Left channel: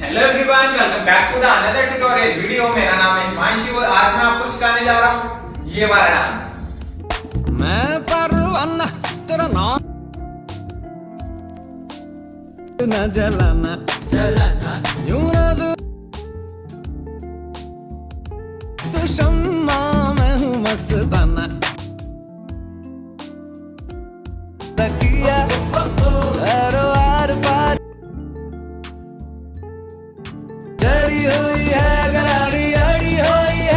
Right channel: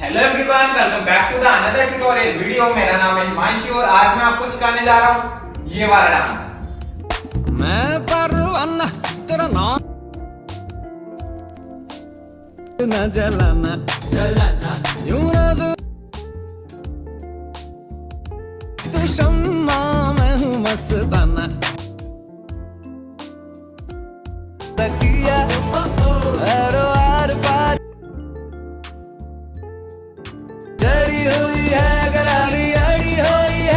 Hello everyone, welcome back to the another tutorial video. मेरा नाम है हिमांशु और आज मैं आपको सिखाने जा रहा हूँ ये वाला डांस। मैं परवाना तेरा नाम न जलाना जलाना यूं रोज तू शम्मा मैं हूँ मस्ताना तकिया हर वार पार चढ़ी हुई है गरारी अड़ी हुई है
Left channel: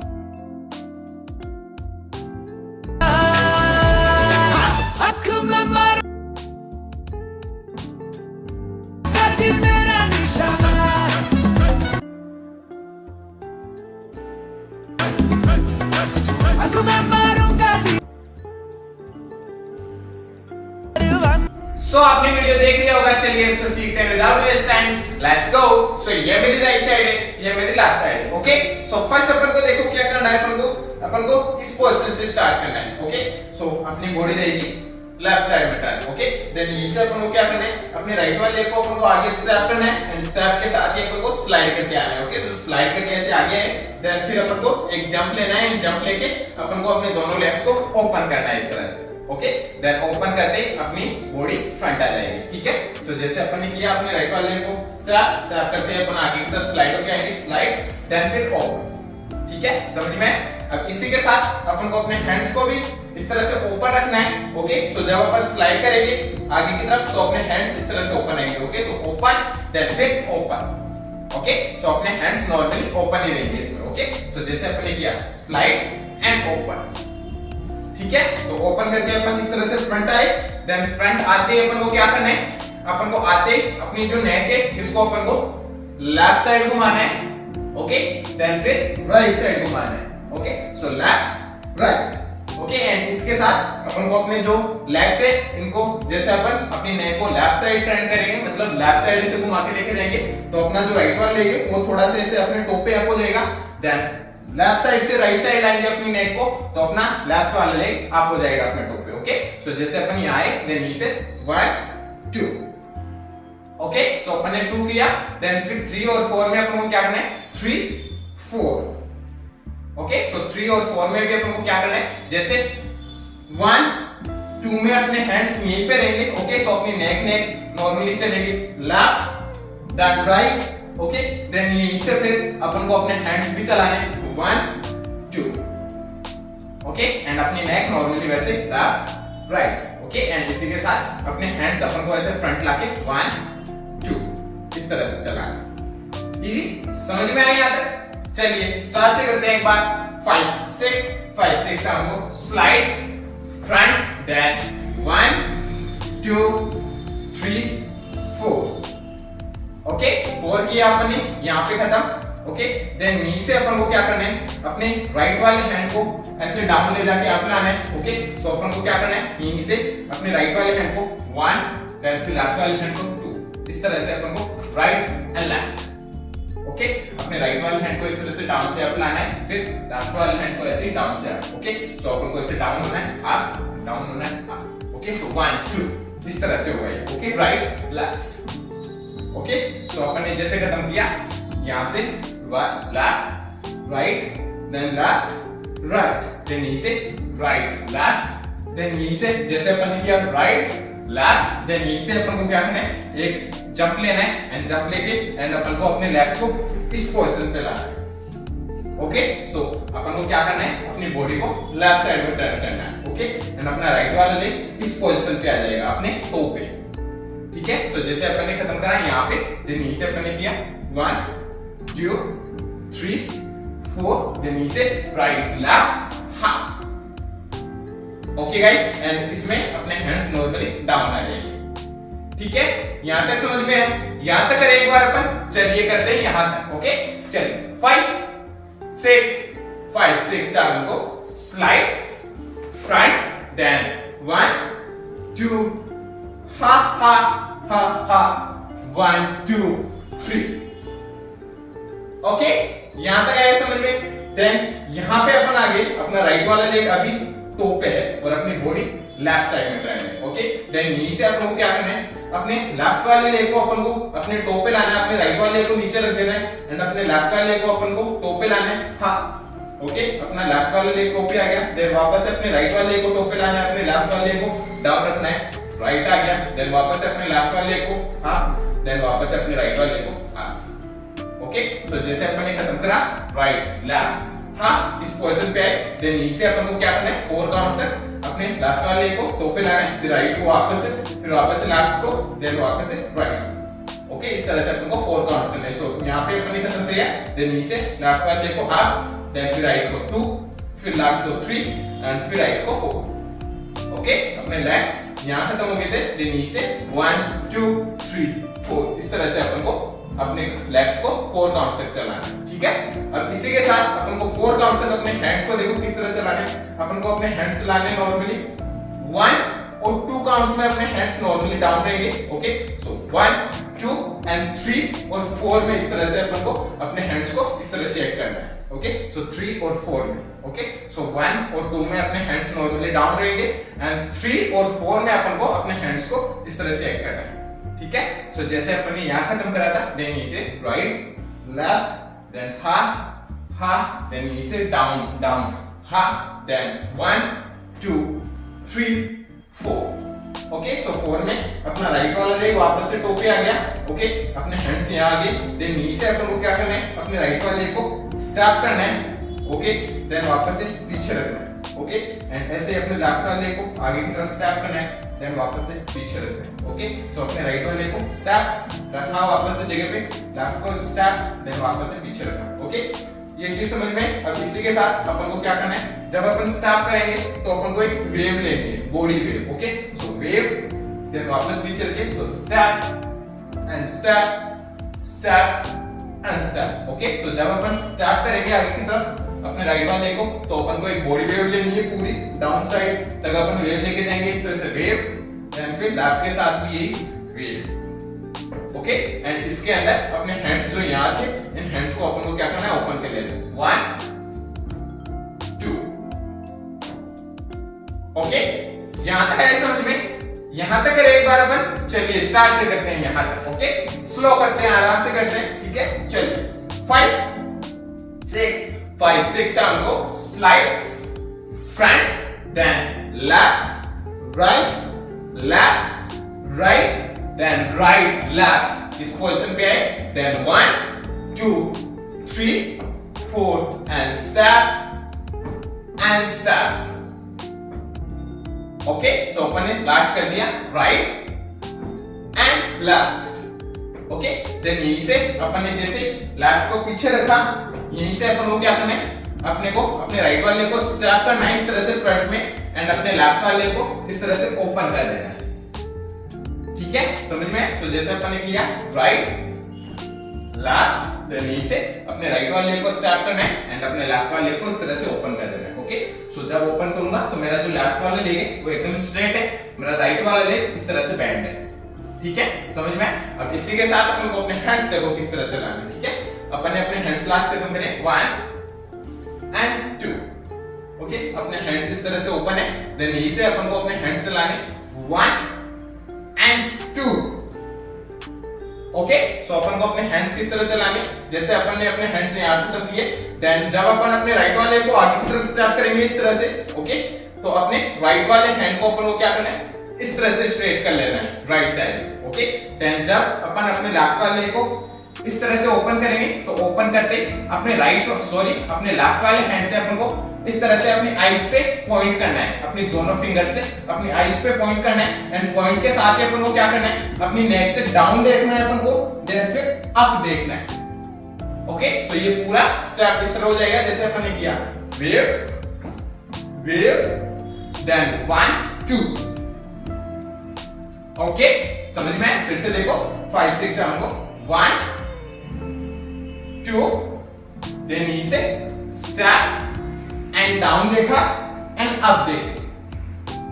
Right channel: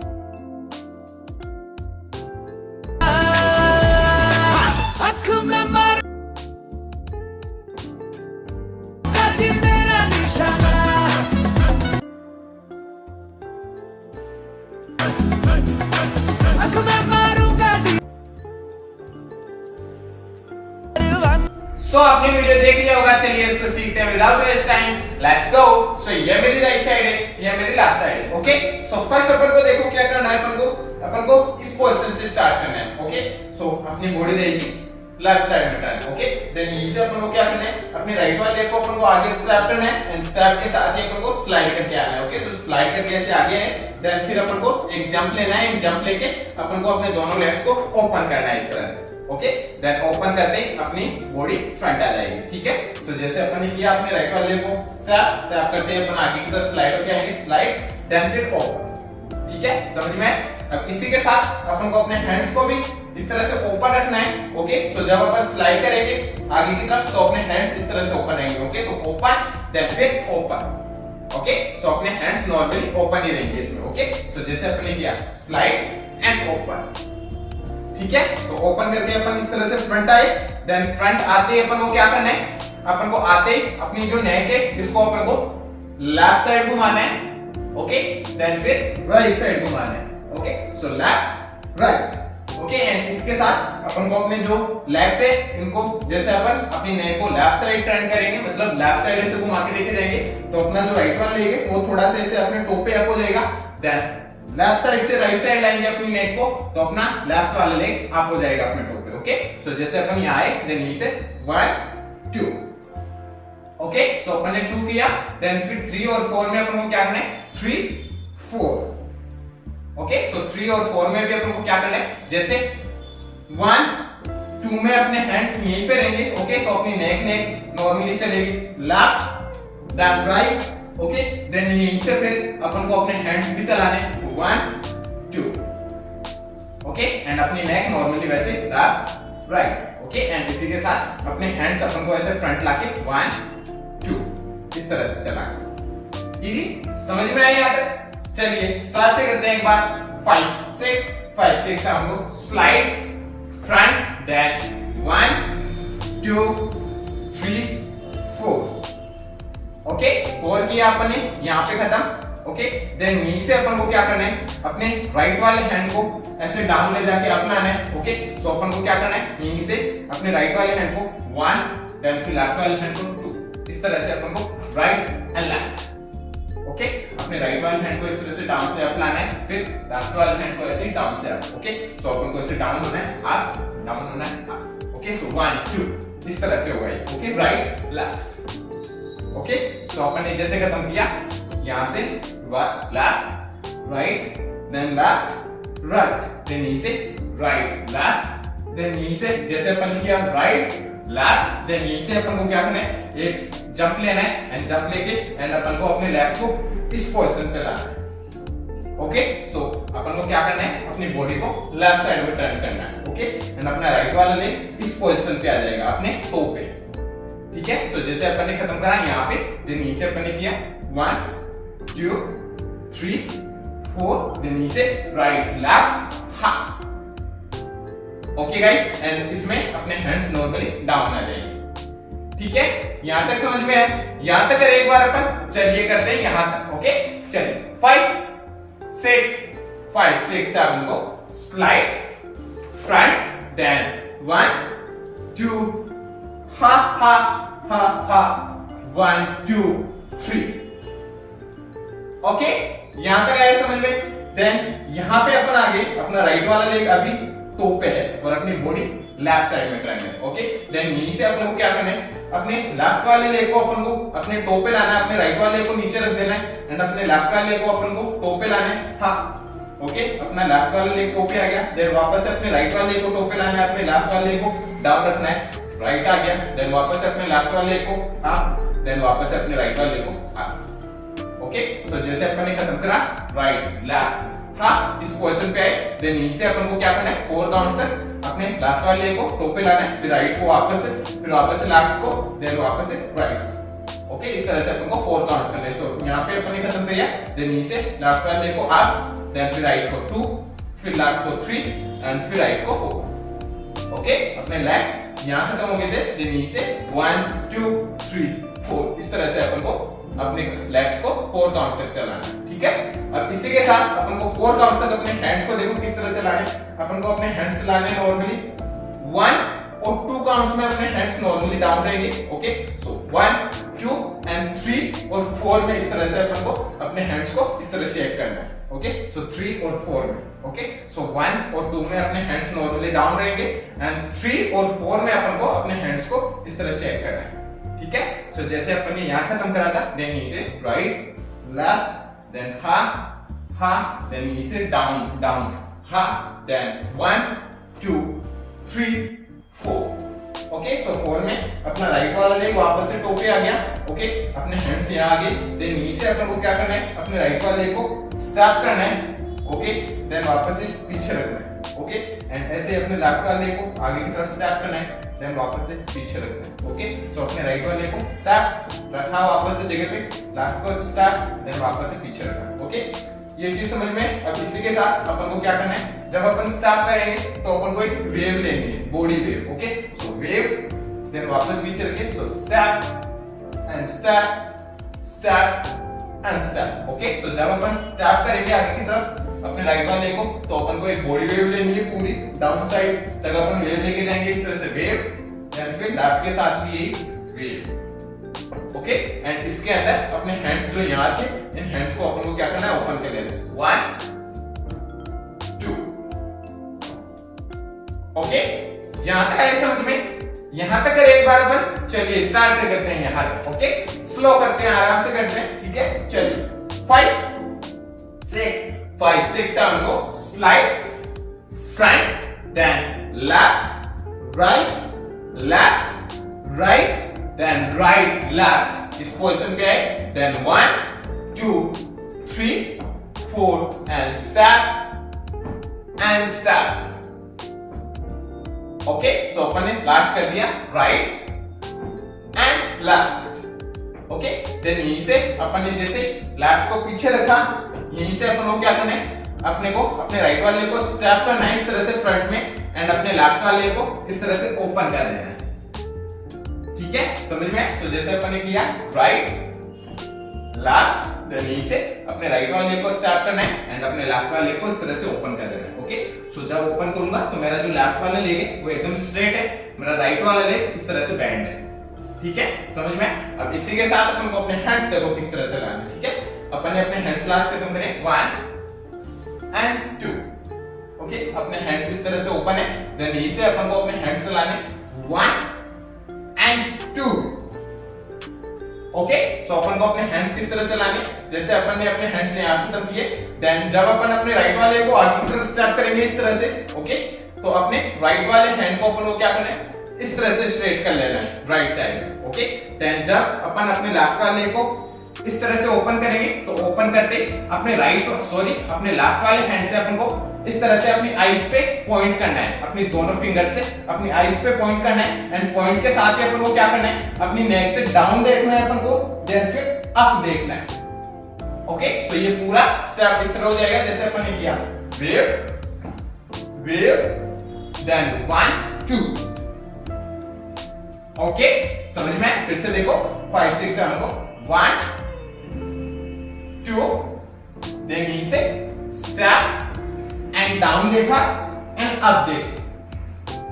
अख में मार काजी मेरा निशाना अख में मारूंगा सो आपने वीडियो देख लिया होगा, चलिए इसको सीखते हैं without waste time. Let's go. So ये मेरी राइट साइड है, ये मेरी लेफ्ट साइड है। ओके, सो फर्स्ट अपन को देखो क्या करना है। अपन को इस पोजीशन से स्टार्ट करना है। ओके, सो अपनी बॉडी रहेगी लेफ्ट साइड में टर्न। ओके, देन यहीं से अपन को क्या करना है, अपने राइट वाले लेग को अपन को आगे स्टेप करना है एंड स्टेप के साथ ही अपन को स्लाइड करके आना है। ओके, सो स्लाइड करके ऐसे आगे है, देन फिर अपन को एक जंप लेना है। जंप लेके अपन को अपने दोनों लेग्स को ओपन करना है इस तरह से। ओके, देन ओपन करते ही अपनी बॉडी फ्रंट आ जाएगी। ठीक है, सो जैसे अपन ने किया अपने राइट वाले को स्टेप करते हैं अपन आगे की तरफ स्लाइड होके आएंगे, स्लाइड देन फिर ओपन। ठीक है, समझ में? अब इसी के साथ अपन को अपने हैंड्स को भी इस तरह से ओपन रखना है। ओके, सो जब अपन स्लाइड करेंगे आगे की तरफ तो अपने हैंड्स इस तरह से ओपन रहेंगे। ओके, सो ओपन देन फिर ओपन। ओके, सो अपने हैंड्स नॉर्मली ओपन ही रहेंगे इसमें। ओके, सो जैसे अपन ने किया स्लाइड एंड ओपन। ठीक है, तो ओपन करके अपन इस तरह से फ्रंट आए, देन फ्रंट आते ही अपन को क्या करना है, अपन को आते ही अपनी जो नेक है इसको अपन को लेफ्ट साइड घुमाना है। ओके, देन फिर राइट साइड घुमाना है। Okay, so left right. Okay, and इसके साथ अपन को अपने जो लेग्स है इनको जैसे अपन अपनी नेक को लेफ्ट साइड टर्न करेंगे, मतलब लेफ्ट साइड से घुमा के लेके जाएंगे तो अपना जो राइट वाला लेग है वो थोड़ा सा ऐसे अपने टॉप पे अप हो जाएगा। देन लेफ्ट साइड से राइट साइड लाएंगे अपनी नेक को तो अपना लेफ्ट वाला लेग अप हो जाएगा अपने टॉप पे। ओके, सो जैसे अपन यहाँ आए देन यहीं से 1 2। ओके, सो अपन ने 2 किया, देन फिर 3 और 4 में अपन को क्या करना है, 3 4। ओके, सो 3 और 4 में भी अपन को क्या करना है, जैसे 1 2 में अपने हैंड्स यहीं पे रहेंगे। ओके, सो अपनी नेक नॉर्मली चलेगी left then right. Okay, then यहीं से फिर अपन को अपने हैंड्स भी चलाने 1 2। ओके, एंड अपनी नेक नॉर्मली वैसे लेफ्ट राइट। ओके, एंड इसी के साथ अपने हैंड्स अपन को ऐसे फ्रंट लाके 1 2 इस तरह से चलाना। इजी, समझ में आई यहाँ तक? चलिए स्टार्ट से करते हैं एक बार। 5 6 5 6 हम लोग स्लाइड फ्रंट देन 1 2 3 4। ओके, 4 किया अपन ने, यहाँ पे खत्म। ओके, देन नी से अपन को क्या करना है, अपने राइट वाले हैंड को ऐसे डाउन ले जाके अप लाना है। ओके, सो अपन को क्या करना है, यहीं से अपने राइट वाले हैंड को 1 देन फिर लेफ्ट वाले हैंड को 2 इस तरह से अपन को राइट एंड लेफ्ट। ओके, अपने राइट वाले हैंड को इस तरह से डाउन से अप लाना है, फिर लेफ्ट वाले हैंड को ऐसे डाउन से अप। ओके, सो अपन को ऐसे डाउन होना है, अप डाउन होना है, अप। ओके, सो 1 2 इस तरह से हो गई। Okay, right left. ओके, तो अपन ने जैसे खत्म किया यहां से left right then left right then यहीं से राइट लेफ्ट देन यहीं से जैसे अपन ने किया राइट लेफ्ट देन यहीं से अपन को क्या करना है, एक जंप लेना है एंड जंप लेके एंड अपन को अपने लेग्स को इस पोजीशन पे लाना है। ओके, सो अपन को क्या करना है, अपनी बॉडी को लेफ्ट साइड में टर्न करना है। ओके, एंड अपना राइट वाला लेग इस पोजीशन पे आ जाएगा अपने टो पे। ठीक है, सो जैसे अपन ने खत्म करा यहाँ पे देन यहीं से अपन ने किया 1 2 3 4 देन यहीं से राइट लेफ्ट हा। ओके गाइस, एंड इसमें अपने हैंड्स नॉर्मली डाउन आ जाएंगे। ठीक है, यहां तक समझ में है? यहां तक करें एक बार अपन, चलिए करते हैं यहां तक। ओके, चलिए 5 6 5 6 7 को स्लाइड फ्रंट देन 1 2 हा हा हा हा 1 2 3। ओके, यहां तक आया समझ में? देन यहां पे अपन आगे अपना राइट वाला लेग अभी टॉप पे है और अपनी बॉडी लेफ्ट साइड में ट्रायंगल। ओके, देन यहीं से अपन को क्या करना है, अपने लेफ्ट वाले लेग को अपन को अपने टो पे लाना है, अपने राइट वाले लेग को नीचे रख देना है एंड अपने लेफ्ट वाले लेग को अपन को टो पे लाना है। हाँ, ओके, अपना लेफ्ट वाले लेग टो पे आ गया, देन वापस से अपने राइट वाले लेग को टो पे लाना है, अपने लेफ्ट वाले लेग को डाउन रखना है, राइट आ गया, देन वापस से अपने लेफ्ट वाले लेग को हाँ, देन वापस से अपने राइट वाले लेग को हाँ। ओके, सो जैसे अपन ने खत्म करा राइट लेफ्ट हाँ, इस पोजीशन पे आए, देन यहीं से अपन को क्या करना है 4 काउंट्स तक अपने लेफ्ट वाले लेग को टो पे लाना है, फिर राइट को वापस से, फिर वापस से लेफ्ट को, देन वापस से राइट। ओके, इस तरह से अपन को 4 काउंट्स करने हैं। सो यहाँ पे अपन ने खत्म किया, देन यहीं से लेफ्ट वाले लेग को अप, देन फिर राइट को 2, फिर लेफ्ट को 3 एंड फिर राइट को 4। ओके, अपने लेग्स यहाँ खत्म हो गए थे, देन यहीं से 1 2 3 4 इस तरह से अपन को अपने लेग्स को 4 काउंट्स तक चलाना है। ठीक है, अब इसी के साथ अपन को 4 काउंट्स तक अपने हैंड्स को देखो किस तरह चलाने, अपन को अपने हैंड्स चलाने नॉर्मली 1 और 2 काउंट्स में अपने हैंड्स नॉर्मली डाउन रहेंगे। ओके, सो 1 2 एंड 3 और 4 में इस तरह से अपन को अपने हैंड्स को इस तरह शेक करना है। ओके, सो 3 और 4 में। ओके, सो 1 और 2 में अपने हैंड्स नॉर्मली डाउन रहेंगे एंड 3 और 4 में अपन को अपने हैंड्स को इस तरह शेक करना है। ठीक है, सो जैसे अपन ने यहाँ खत्म करा था, देन नीचे राइट लेफ्ट, देन हा हा, देन नीचे डाउन डाउन हा, देन 1 2 3 4। ओके, सो 4 में अपना राइट वाला लेग वापस से टो पे आ गया। ओके, अपने हैंड्स यहाँ आ गए, देन नीचे अपन को क्या करना है, अपने राइट वाले लेग को स्टैप करना है। ओके, देन वापस से पीछे रखना है। ओके, एंड ऐसे अपने लेफ्ट वाले लेग को आगे की तरफ स्टैप करना है, देन वापस से पीछे रखना है। ओके, सो अपने राइट वाले को स्टैप रखा वापस से जगह पे, लेफ्ट को स्टैप, देन वापस से पीछे रखना। ओके, ये चीज समझ में। अब इसी के साथ अपन को क्या करना है, जब अपन स्टैप करेंगे तो अपन को एक वेव लेंगे, body wave. Okay, so wave, then वापस पीछे रखे, so step and step step and step. Okay, so जब अपन स्टैप करेंगे आगे की तरफ अपने राइट वाले को, तो अपन को एक बॉडी वेव लेनी है पूरी डाउन साइड तक अपन वेव लेके जाएंगे इस तरह से वेव, देन फिर लेफ्ट के साथ भी यही वेव। ओके, एंड इसके अंदर अपने हैंड्स जो यहाँ थे, इन हैंड्स को अपन को क्या करना है, ओपन कर लेना है 1 2। ओके, यहाँ तक है समझ में? यहाँ तक एक बार अपन चलिए स्टार्ट से करते हैं यहाँ तक। ओके, स्लो करते हैं, आराम से करते हैं। ठीक है, चलिए 5 6 5 6 7 को slide front, then left right then right left इस पोजीशन पे आए, then 1 2 3 4 and step. Okay, so अपन ने लास्ट कर दिया right and left. Okay, then यहीं से अपन ने जैसे लेफ्ट को पीछे रखा, यहीं से अपन को क्या करना है, अपने को अपने राइट वाले को स्टैप करना है इस तरह से फ्रंट में एंड अपने लेफ्ट वाले को इस तरह से ओपन कर देना है। ठीक है, समझ में? तो जैसे अपन ने किया राइट लेफ्ट, देन यहीं से अपने राइट वाले को स्टैप करना है एंड अपने लेफ्ट वाले को इस तरह से ओपन कर देना है। ओके, सो जब ओपन करूंगा तो मेरा जो लेफ्ट वाला लेग है वो एकदम स्ट्रेट है, मेरा राइट वाला लेग इस तरह से बेंड है। ठीक है, समझ में? अब इसी के साथ अपन को अपने हैंड्स देखो किस तरह चलाना है। ठीक है, अपन ने अपने हैंड्स लास्ट खत्म करे 1 एंड 2। ओके, अपने हैंड्स इस तरह से ओपन है, देन यहीं से अपन को अपने हैंड्स चलाने 1 एंड 2। ओके, सो अपन को अपने हैंड्स किस तरह चलाने, जैसे अपन ने अपने हैंड्स यहाँ खत्म किए, देन जब अपन अपने राइट वाले को आगे की तरफ स्टैप करेंगे इस तरह से। ओके, तो अपने राइट वाले हैंड को अपन को क्या करना है, इस तरह से स्ट्रेट कर लेना है राइट साइड में। ओके, देन जब अपन अपने लेफ्ट वाले को इस तरह से ओपन करेंगे तो ओपन करते अपने अपने लेफ्ट वाले हैंड से अपन को इस तरह से अपनी आईज पे पॉइंट करना है, अपनी दोनों फिंगर से अपनी आईज पे पॉइंट करना है एंड पॉइंट के साथ ही अपन को क्या करना है, अपनी नेक से डाउन देखना है अपन को, देन फिर अप देखना है। ओके, सो ये पूरा स्टेप इस तरह हो जाएगा जैसे अपन ने किया वेव देन 1 2। ओके, समझ में? फिर से देखो 5 6 7 को 1 2, देन नीचे स्टेप एंड डाउन देखा एंड अप देखे।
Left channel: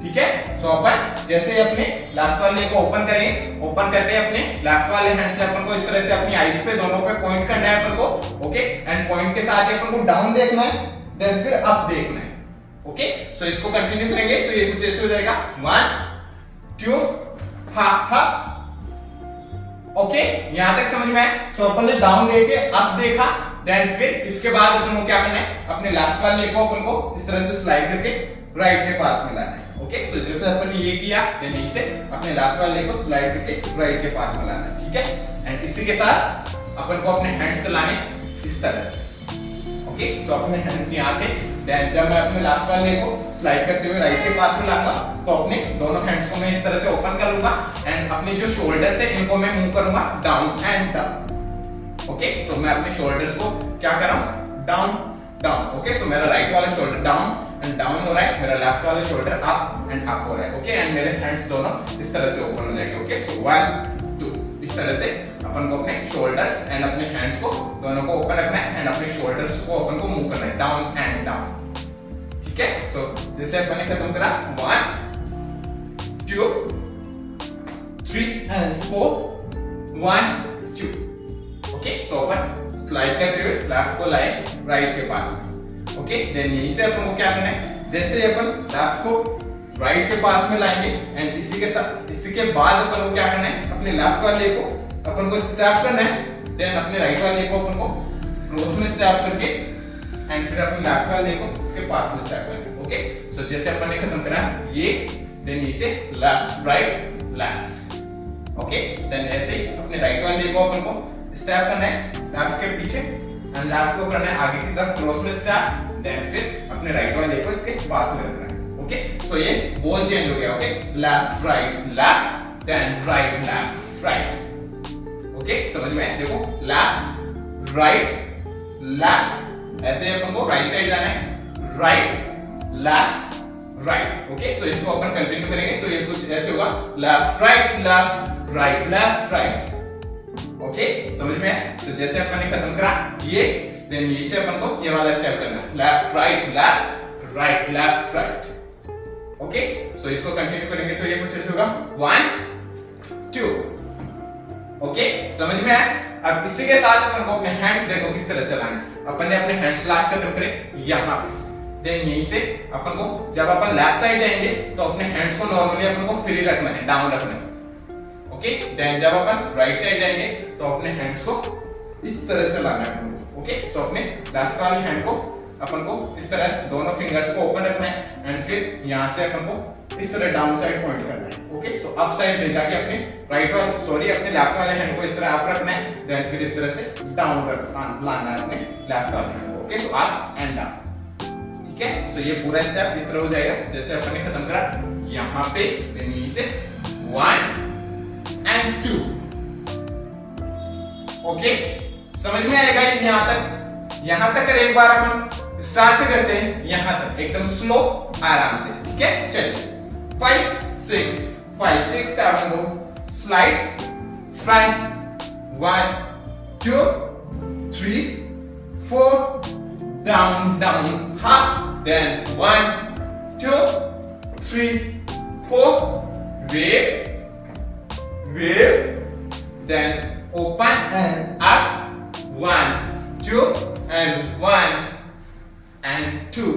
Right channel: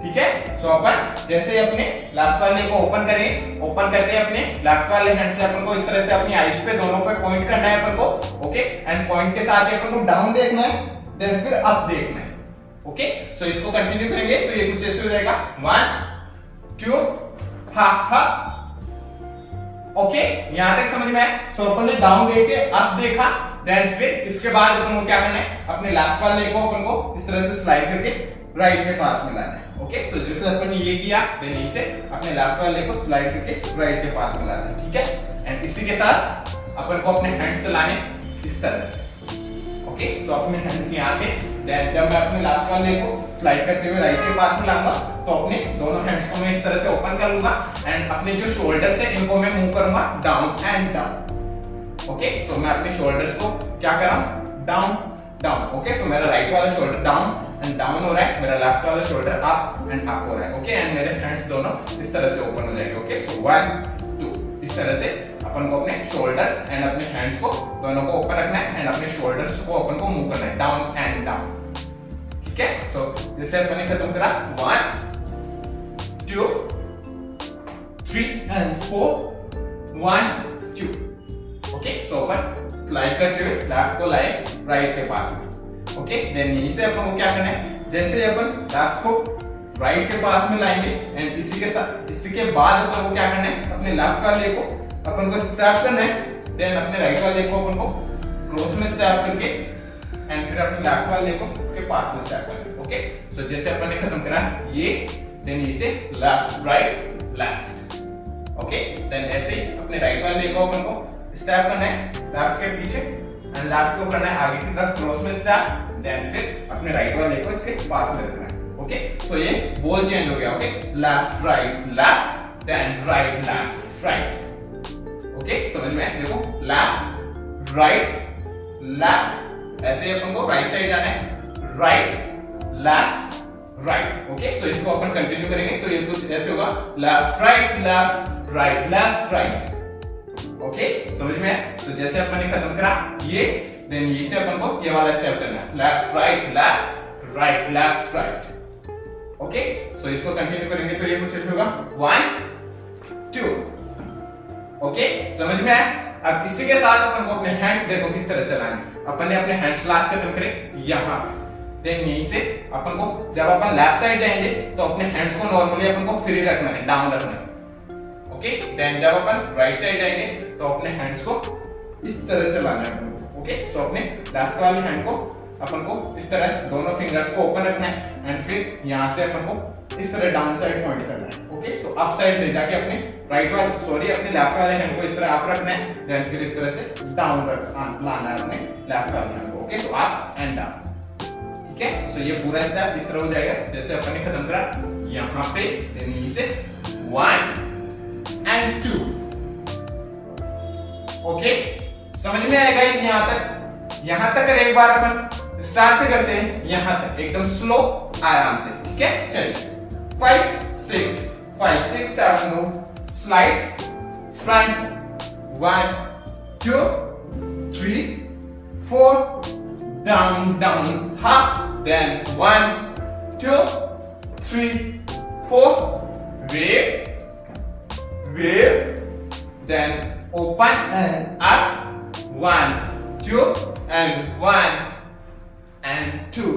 ठीक है, सो अपन जैसे अपने लेफ्ट वाले को ओपन करेंगे, ओपन करते हैं अपने लेफ्ट वाले हैंड से अपन को इस तरह से अपनी आईज पे दोनों पे पॉइंट करना है अपन को। ओके, एंड पॉइंट के साथ ही अपन को डाउन देखना है, देन फिर अप देखना है। ओके, सो इसको कंटिन्यू करेंगे तो ये कुछ ऐसे हो जाएगा 1 2 हा हा। ओके, यहां तक समझ में आया। सो अपन ने डाउन देके अप देखा, देन फिर इसके बाद अपन को क्या करना है, अपने लेफ्ट वाले को अपन को इस तरह से स्लाइड करके राइट के पास में लाना है। ओके, सो जैसे अपन ने ये किया, देन यहीं से अपने लेफ्ट वाले को स्लाइड करके राइट के पास में लाना है। ठीक है, एंड इसी के साथ अपन को अपने हैंड्स चलाने इस तरह से। ओके, सो अपने हैंड्स यहाँ थे, देन जब मैं अपने लेफ्ट वाले को स्लाइड करते हुए राइट के पास में लाऊंगा तो अपने दोनों हैंड्स को मैं इस तरह से ओपन कर लूंगा एंड अपने जो शोल्डर्स है इनको मैं मूव करूंगा down and down. Okay, so मैं अपने शोल्डर्स को क्या कर रहा हूं, डाउन डाउन। ओके, सो मेरा राइट वाला शोल्डर डाउन एंड डाउन हो रहा है, मेरा लेफ्ट वाला शोल्डर अप एंड अप हो रहा है। ओके, एंड मेरे हैंड्स दोनों इस तरह से ओपन हो जाएंगे। ओके, सो 1 2 इस तरह से अपन को अपने शोल्डर्स एंड अपने हैंड्स को दोनों को ओपन रखना है एंड अपने शोल्डर्स को अपन को मूव करना है डाउन एंड डाउन। ठीक है, सो जैसे अपन ने खत्म करा 1 2 3 and 4 1 2। Okay, so upon slide करते हुए लेफ्ट को लाए राइट के पास में। ओके, देन यहीं से अपन को क्या करना है, जैसे अपन लेफ्ट को राइट के पास में लाएंगे एंड इसी के साथ इसी के बाद अपन को क्या करना है, अपने लेफ्ट वाले को अपन को स्टैप करना है, देन अपने राइट वाले को अपन को क्रॉस में स्टैप करके एंड फिर अपने लेफ्ट वाले को इसके पास में स्टैप करना है। ओके, सो जैसे अपन ने खत्म करा ये, देन ये से left right left. Okay, then ऐसे ही अपने राइट वाले को अपन को स्टैप करना है लेफ्ट के पीछे एंड लेफ्ट को करना है आगे की तरफ क्रॉस में स्टैप, देन फिर अपने राइट वाले को इसके पास में रखना है। ओके, सो ये बॉल चेंज हो गया। Okay, left right then right left right. Okay, समझ में? देखो लेफ्ट राइट लेफ्ट, ऐसे अपन को राइट साइड जाना है, राइट लेफ्ट राइट। ओके, सो इसको अपन कंटिन्यू करेंगे तो ये कुछ ऐसे होगा लेफ्ट राइट राइट। ओके, समझ में है? तो जैसे अपन ने खत्म करा ये, देन ये से अपन को ये वाला स्टेप करना है लेफ्ट राइट राइट। ओके, सो इसको कंटिन्यू करेंगे तो ये कुछ ऐसे होगा 1 2। ओके, समझ में आया? अब इसी के साथ अपन को अपने हैंड्स देखो किस तरह चलाना है। अपन ने अपने हैंड्स लास्ट खत्म करे यहाँ पे, देन यहीं से अपन को जब अपन लेफ्ट साइड जाएंगे तो अपने हैंड्स को नॉर्मली अपन को फ्री रखना है, डाउन रखना है। ओके, देन जब अपन राइट साइड जाएंगे तो अपने हैंड्स को इस तरह चलाना है अपन को। ओके, सो अपने लेफ्ट वाली हैंड को अपन को इस तरह दोनों फिंगर्स को ओपन रखना है एंड फिर यहां से अपन को इस तरह डाउन साइड पॉइंट करना है। ओके, सो अप साइड ले जाके अपने अपने लेफ्ट वाले हैंड को इस तरह अप रखना है, देन फिर इस तरह से डाउन लाना है अपने लेफ्ट वाले हैंड को। Okay, so up and down. ठीक है, सो ये पूरा स्टेप इस तरह हो जाएगा जैसे अपन ने खत्म करा यहाँ पे, देन यहीं से 1 and 2। ओके, समझ में आएगा यहां तक एक बार अपन स्टार्ट से करते हैं, यहां तक एकदम स्लो आराम से। ठीक है, चलिए 5 6 7 go slide front 1 2 3 4 down half, then 1 2 3 4 wave, then open and up 1 2 and 1 and 2।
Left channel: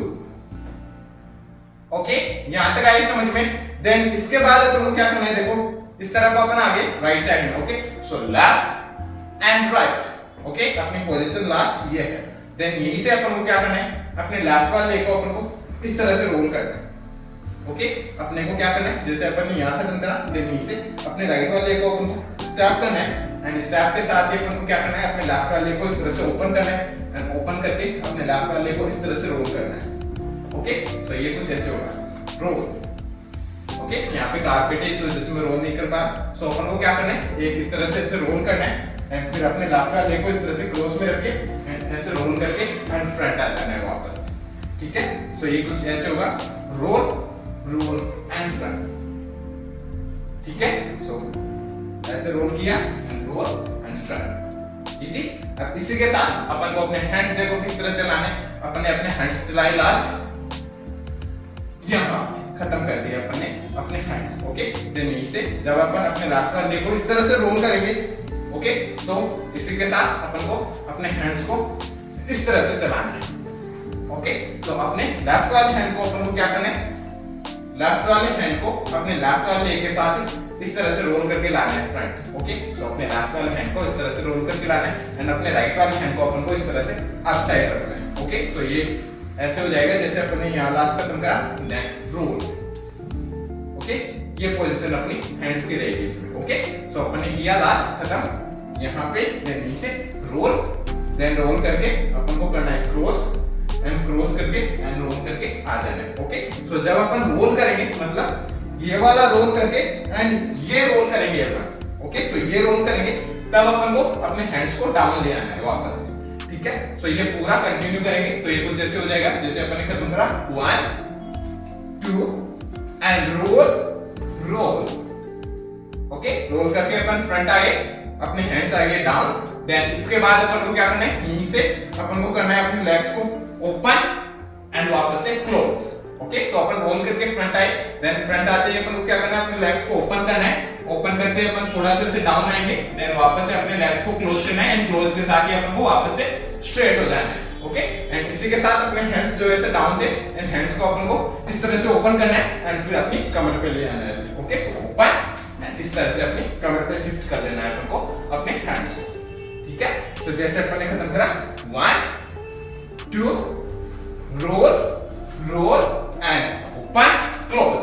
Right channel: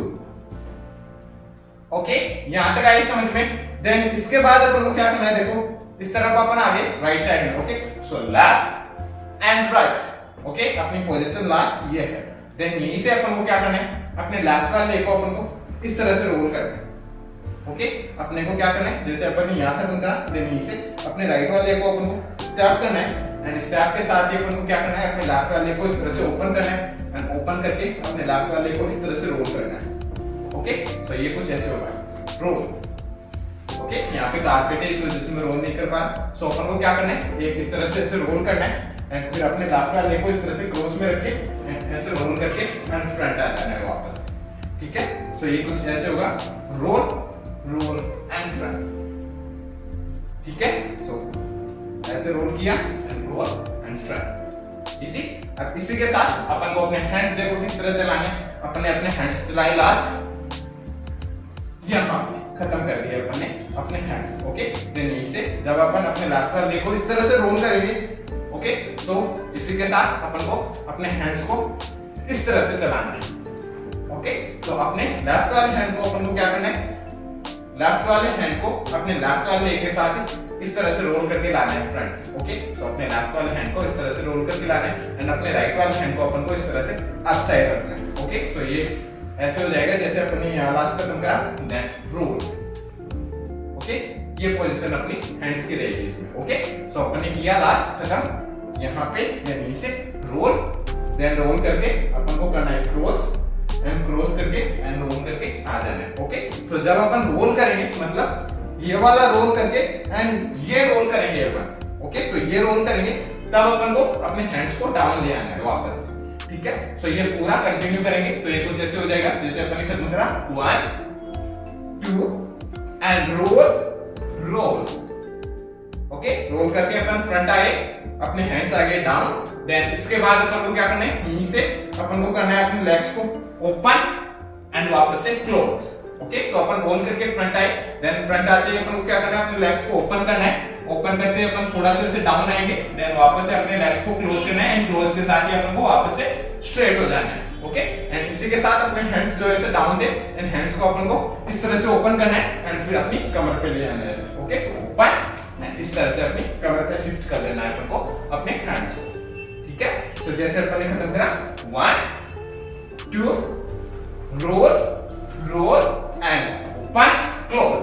Okay, यहां तक आई समझ में? देन इसके बाद अपन को क्या करना है, देखो इस तरफ अपन आगे राइट साइड में। Okay, so left and right. Okay, अपनी पोजीशन लास्ट ये है, देन यहीं से अपन को क्या करना है, अपने लेफ्ट वाले को अपन को इस तरह से रोल करना है। ओके, अपने को क्या करना है, जैसे अपन ने यहाँ खत्म करा, देन यहीं से अपने राइट वाले को अपन को स्टैप करना है एंड स्टैप के साथ ही अपन को क्या करना है, अपने लेफ्ट वाले को इस तरह से ओपन करना है एंड ओपन करके अपने लेफ्ट वाले को इस तरह से रोल करना है। ओके, सो ये कुछ ऐसे होगा रोल। ओके, यहाँ पे कारपेट है इस वजह से मैं रोल नहीं कर पा, सो अपन को क्या करना है, एक इस तरह से ऐसे रोल करना है एंड फिर अपने लेफ्ट वाले को इस तरह से क्रॉस में रख के ऐसे रोल करके एंड फ्रंट आ जाना है वापस। ठीक है, सो ये कुछ ऐसे होगा रोल एंड फ्रंट। ठीक है, सो ऐसे रोल किया and roll and front, easy. अब इसी के साथ अपन को अपने हैंड्स देखो किस तरह चलाने, अपन ने अपने हैंड्स चलाए लास्ट यहाँ खत्म कर दिया अपन ने अपने हैंड्स। ओके, देन यहीं से जब अपन अपने लेफ्ट वाले को इस तरह से रोल करेंगे, ओके, तो इसी के साथ अपन को अपने हैंड्स को इस तरह से चलाना है। ओके, सो अपने लेफ्ट वाले हैंड को अपन को क्या करना है, लेफ्ट वाले हैंड को अपने लेफ्ट वाले लेग के साथ इस तरह से रोल करके लाना है फ्रंट। ओके, तो अपने लेफ्ट वाले हैंड को इस तरह से रोल करके लाना है एंड अपने राइट वाले हैंड को अपन को इस तरह से अप साइड रखना है। ओके, सो ये ऐसे हो जाएगा जैसे अपन ने यहाँ लास्ट खत्म करा, देन रोल। ओके, ये पोजीशन अपनी हैंड्स की रहेगी इसमें। ओके, सो अपन ने किया लास्ट खत्म, यहाँ पे यहीं से रोल, देन रोल करके अपन को करना है क्रॉस एंड क्रॉस करके एंड रोल करके आ जाना है। ओके, सो जब अपन रोल करेंगे मतलब ये वाला रोल करके एंड ये रोल करेंगे अपन। ओके, सो ये रोल करेंगे तब अपन को अपने हैंड्स को डाउन ले आना है वापस। ठीक है, सो ये पूरा कंटिन्यू करेंगे तो ये कुछ ऐसे हो जाएगा जैसे अपन ने खत्म करा 1 2 and roll roll. Okay, roll करके अपन फ्रंट आए, अपने हैंड्स आगे डाउन, देन इसके बाद अपन को क्या करना है, यहीं से अपन को करना है अपने लेग्स को ओपन एंड वापस से क्लोज। ओके, सो अपन रोल करके फ्रंट आए, देन फ्रंट आते ही अपन को क्या करना है, अपने लेग्स को ओपन करना है, ओपन करते ही अपन थोड़ा सा से डाउन आएंगे, देन वापस से अपने लेग्स को क्लोज करना है एंड क्लोज के साथ ही अपन को वापस से स्ट्रेट हो जाना है। ओके, एंड इसी के साथ अपने हैंड्स जो ऐसे डाउन थे एंड हैंड्स को अपन को इस तरह से ओपन करना है एंड फिर अपनी कमर पे ले आना है ऐसे। ओके, ओपन एंड इस तरह से अपनी कमर पे शिफ्ट कर देना है अपन को अपने हैंड्स को। ठीक है, सो जैसे अपन ने खत्म करा 1 2 roll roll and open close.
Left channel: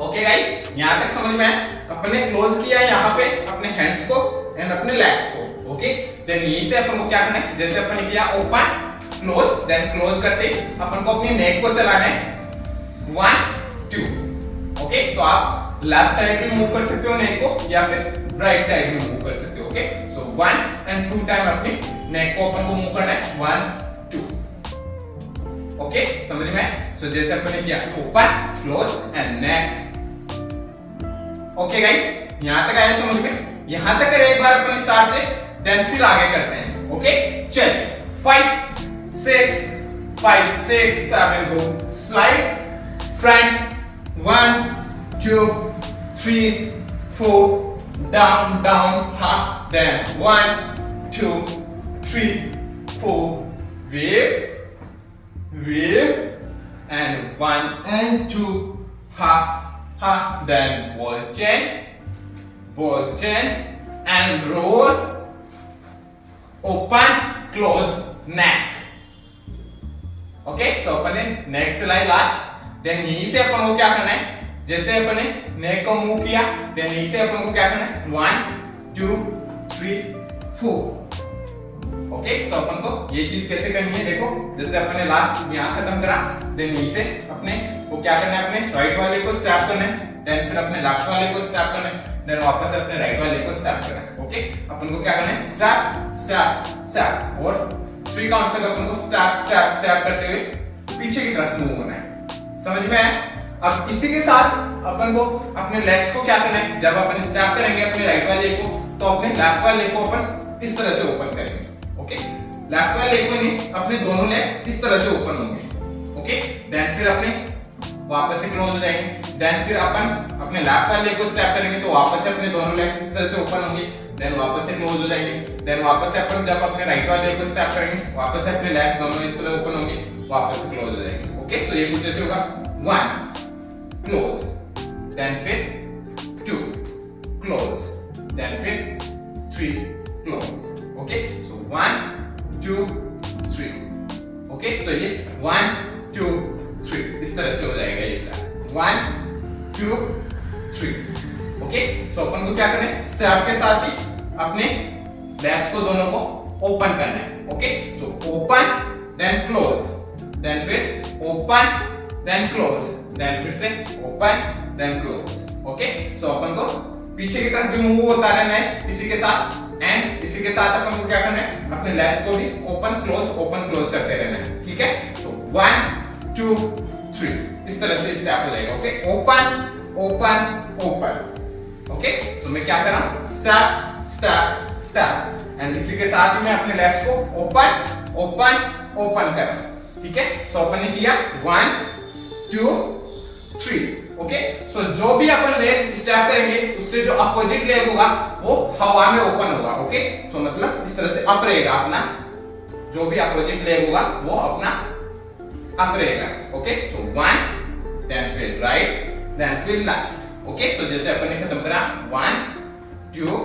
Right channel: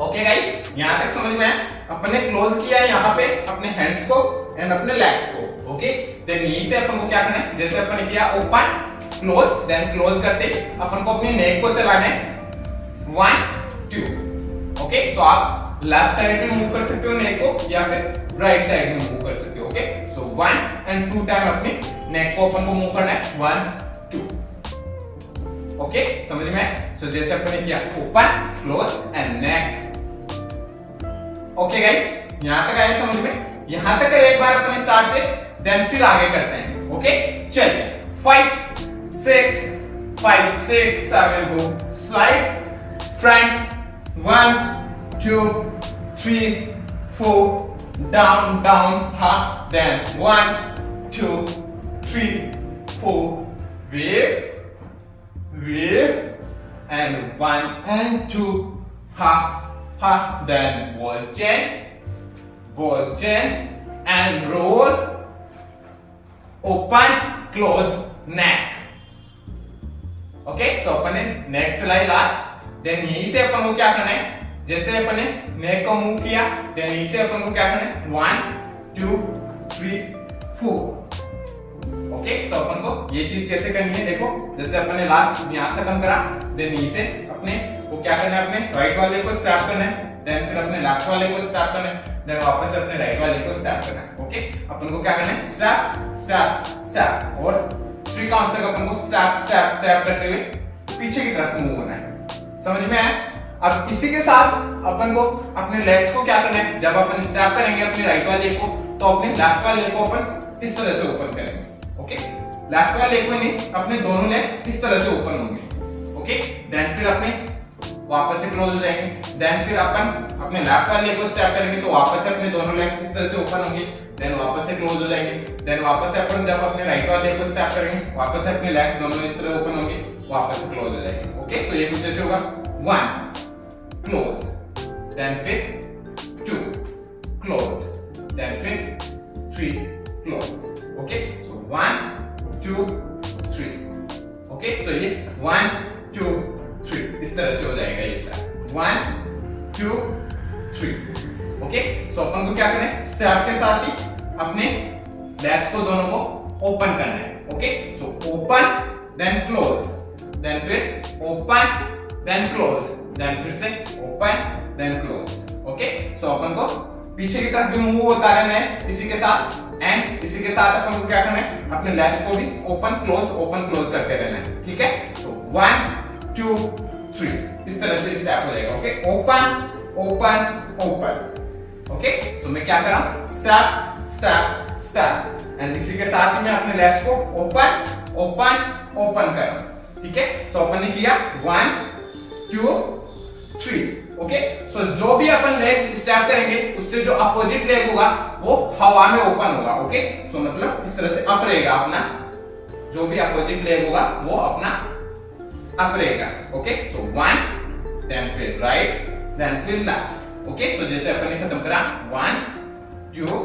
Okay guys, यहां तक समझ में आया? अपन ने क्लोज किया यहाँ पे अपने हैंड्स को एंड अपने लेग्स को। ओके, देन यहीं से अपन को क्या करना है, जैसे अपन ने किया ओपन क्लोज, देन क्लोज करते अपन को अपनी नेक को चलाना है 1 2। ओके, सो आप लेफ्ट साइड में मूव कर सकते हो नेक को या फिर राइट साइड में मूव कर सकते हो। ओके, सो 1 एंड 2 टाइम अपनी नेक को अपन को मूव करना है 1 2। ओके, समझ में? सो जैसे अपन ने किया open close and neck. Okay guys, यहां तक आया समझ में? यहां तक करें एक बार अपन स्टार्ट से, देन फिर आगे करते हैं। ओके, चलिए 5 6 7 go, slide front 1 2 3 4 down down, हाँ, then 1 2 3 4 wave wave and 1 and 2 ha ha, then ball chain and roll, open close neck। Okay, so अपन ने नेक चलाई लास्ट, देन यहीं से अपन को क्या करना है, जैसे अपन ने नेक को मूव किया, देन यहीं से अपन को क्या करना है 1 2 3 4। ओके, सो अपन को ये चीज कैसे करनी है, देखो जैसे अपन ने लास्ट यहाँ खत्म करा, देन यहीं से अपने को क्या करना है, अपने राइट वाले को स्टैप करना है, देन फिर अपने लेफ्ट वाले को स्टैप करना है, देन वापस से अपने राइट वाले को स्टैप करना है। ओके, अपन को क्या करना है, स्टैप स्टैप स्टैप, और 3 काउंट्स तक अपन को स्टैप स्टैप स्टैप करते हुए पीछे की तरफ मूव होना है। समझ में आया? अब इसी के साथ अपन को अपने लेग्स को क्या करना है, जब अपन स्टैप करेंगे अपने राइट वाले को, तो अपने लेफ्ट वाले को अपन इस तरह से ओपन करेंगे। ओके, लेफ्ट वाले लेग को नहीं, अपने दोनों लेग्स इस तरह से ओपन होंगे। ओके, देन फिर अपने वापस से क्लोज हो जाएंगे, देन फिर अपन अपने लेफ्ट वाले लेग को स्टैप करेंगे तो वापस से अपने दोनों लेग्स इस तरह से ओपन होंगे, देन वापस से क्लोज हो जाएंगे, देन वापस से अपन जब अपने राइट वाले लेग को स्टैप करेंगे वापस से अपने लेग्स दोनों इस तरह ओपन होंगे, वापस से क्लोज हो जाएंगे। ओके, सो ये कुछ ऐसे होगा 1 क्लोज, देन फिर 2 क्लोज, देन फिर 3 क्लोज। ओके, सो 1 2 3। ओके, सो ये 1 2 3 इस तरह से हो जाएगा ये सारा 1 2 3। ओके, सो अपन को क्या करना है, स्टैप के साथ ही अपने लेग्स को दोनों को ओपन करना है। Okay, so open then close, then फिर ओपन देन क्लोज, देन फिर से open then close. Okay, so अपन को पीछे की तरफ भी मूव होता रहना है इसी के साथ, एंड इसी के साथ अपन को क्या करना है, अपने लेग्स को भी ओपन क्लोज करते रहना है। ठीक है, सो 1 2 3 इस तरह से स्टेप हो जाएगा। Okay, open open open. Okay, so मैं क्या कर रहा हूं, स्टेप स्टेप स्टेप, एंड इसी के साथ ही मैं अपने लेग्स को ओपन ओपन ओपन कर रहा हूं। ठीक है, सो अपन ने किया 1 2 3। ओके, सो जो भी अपन लेग स्टेप करेंगे उससे जो अपोजिट लेग होगा वो हवा में ओपन होगा। ओके, सो मतलब इस तरह से अप रहेगा अपना जो भी अपोजिट लेग होगा वो अपना अप रहेगा। ओके, सो 1 देन फिर राइट देन फिर लेफ्ट। ओके, सो जैसे अपन ने खत्म करा 1 2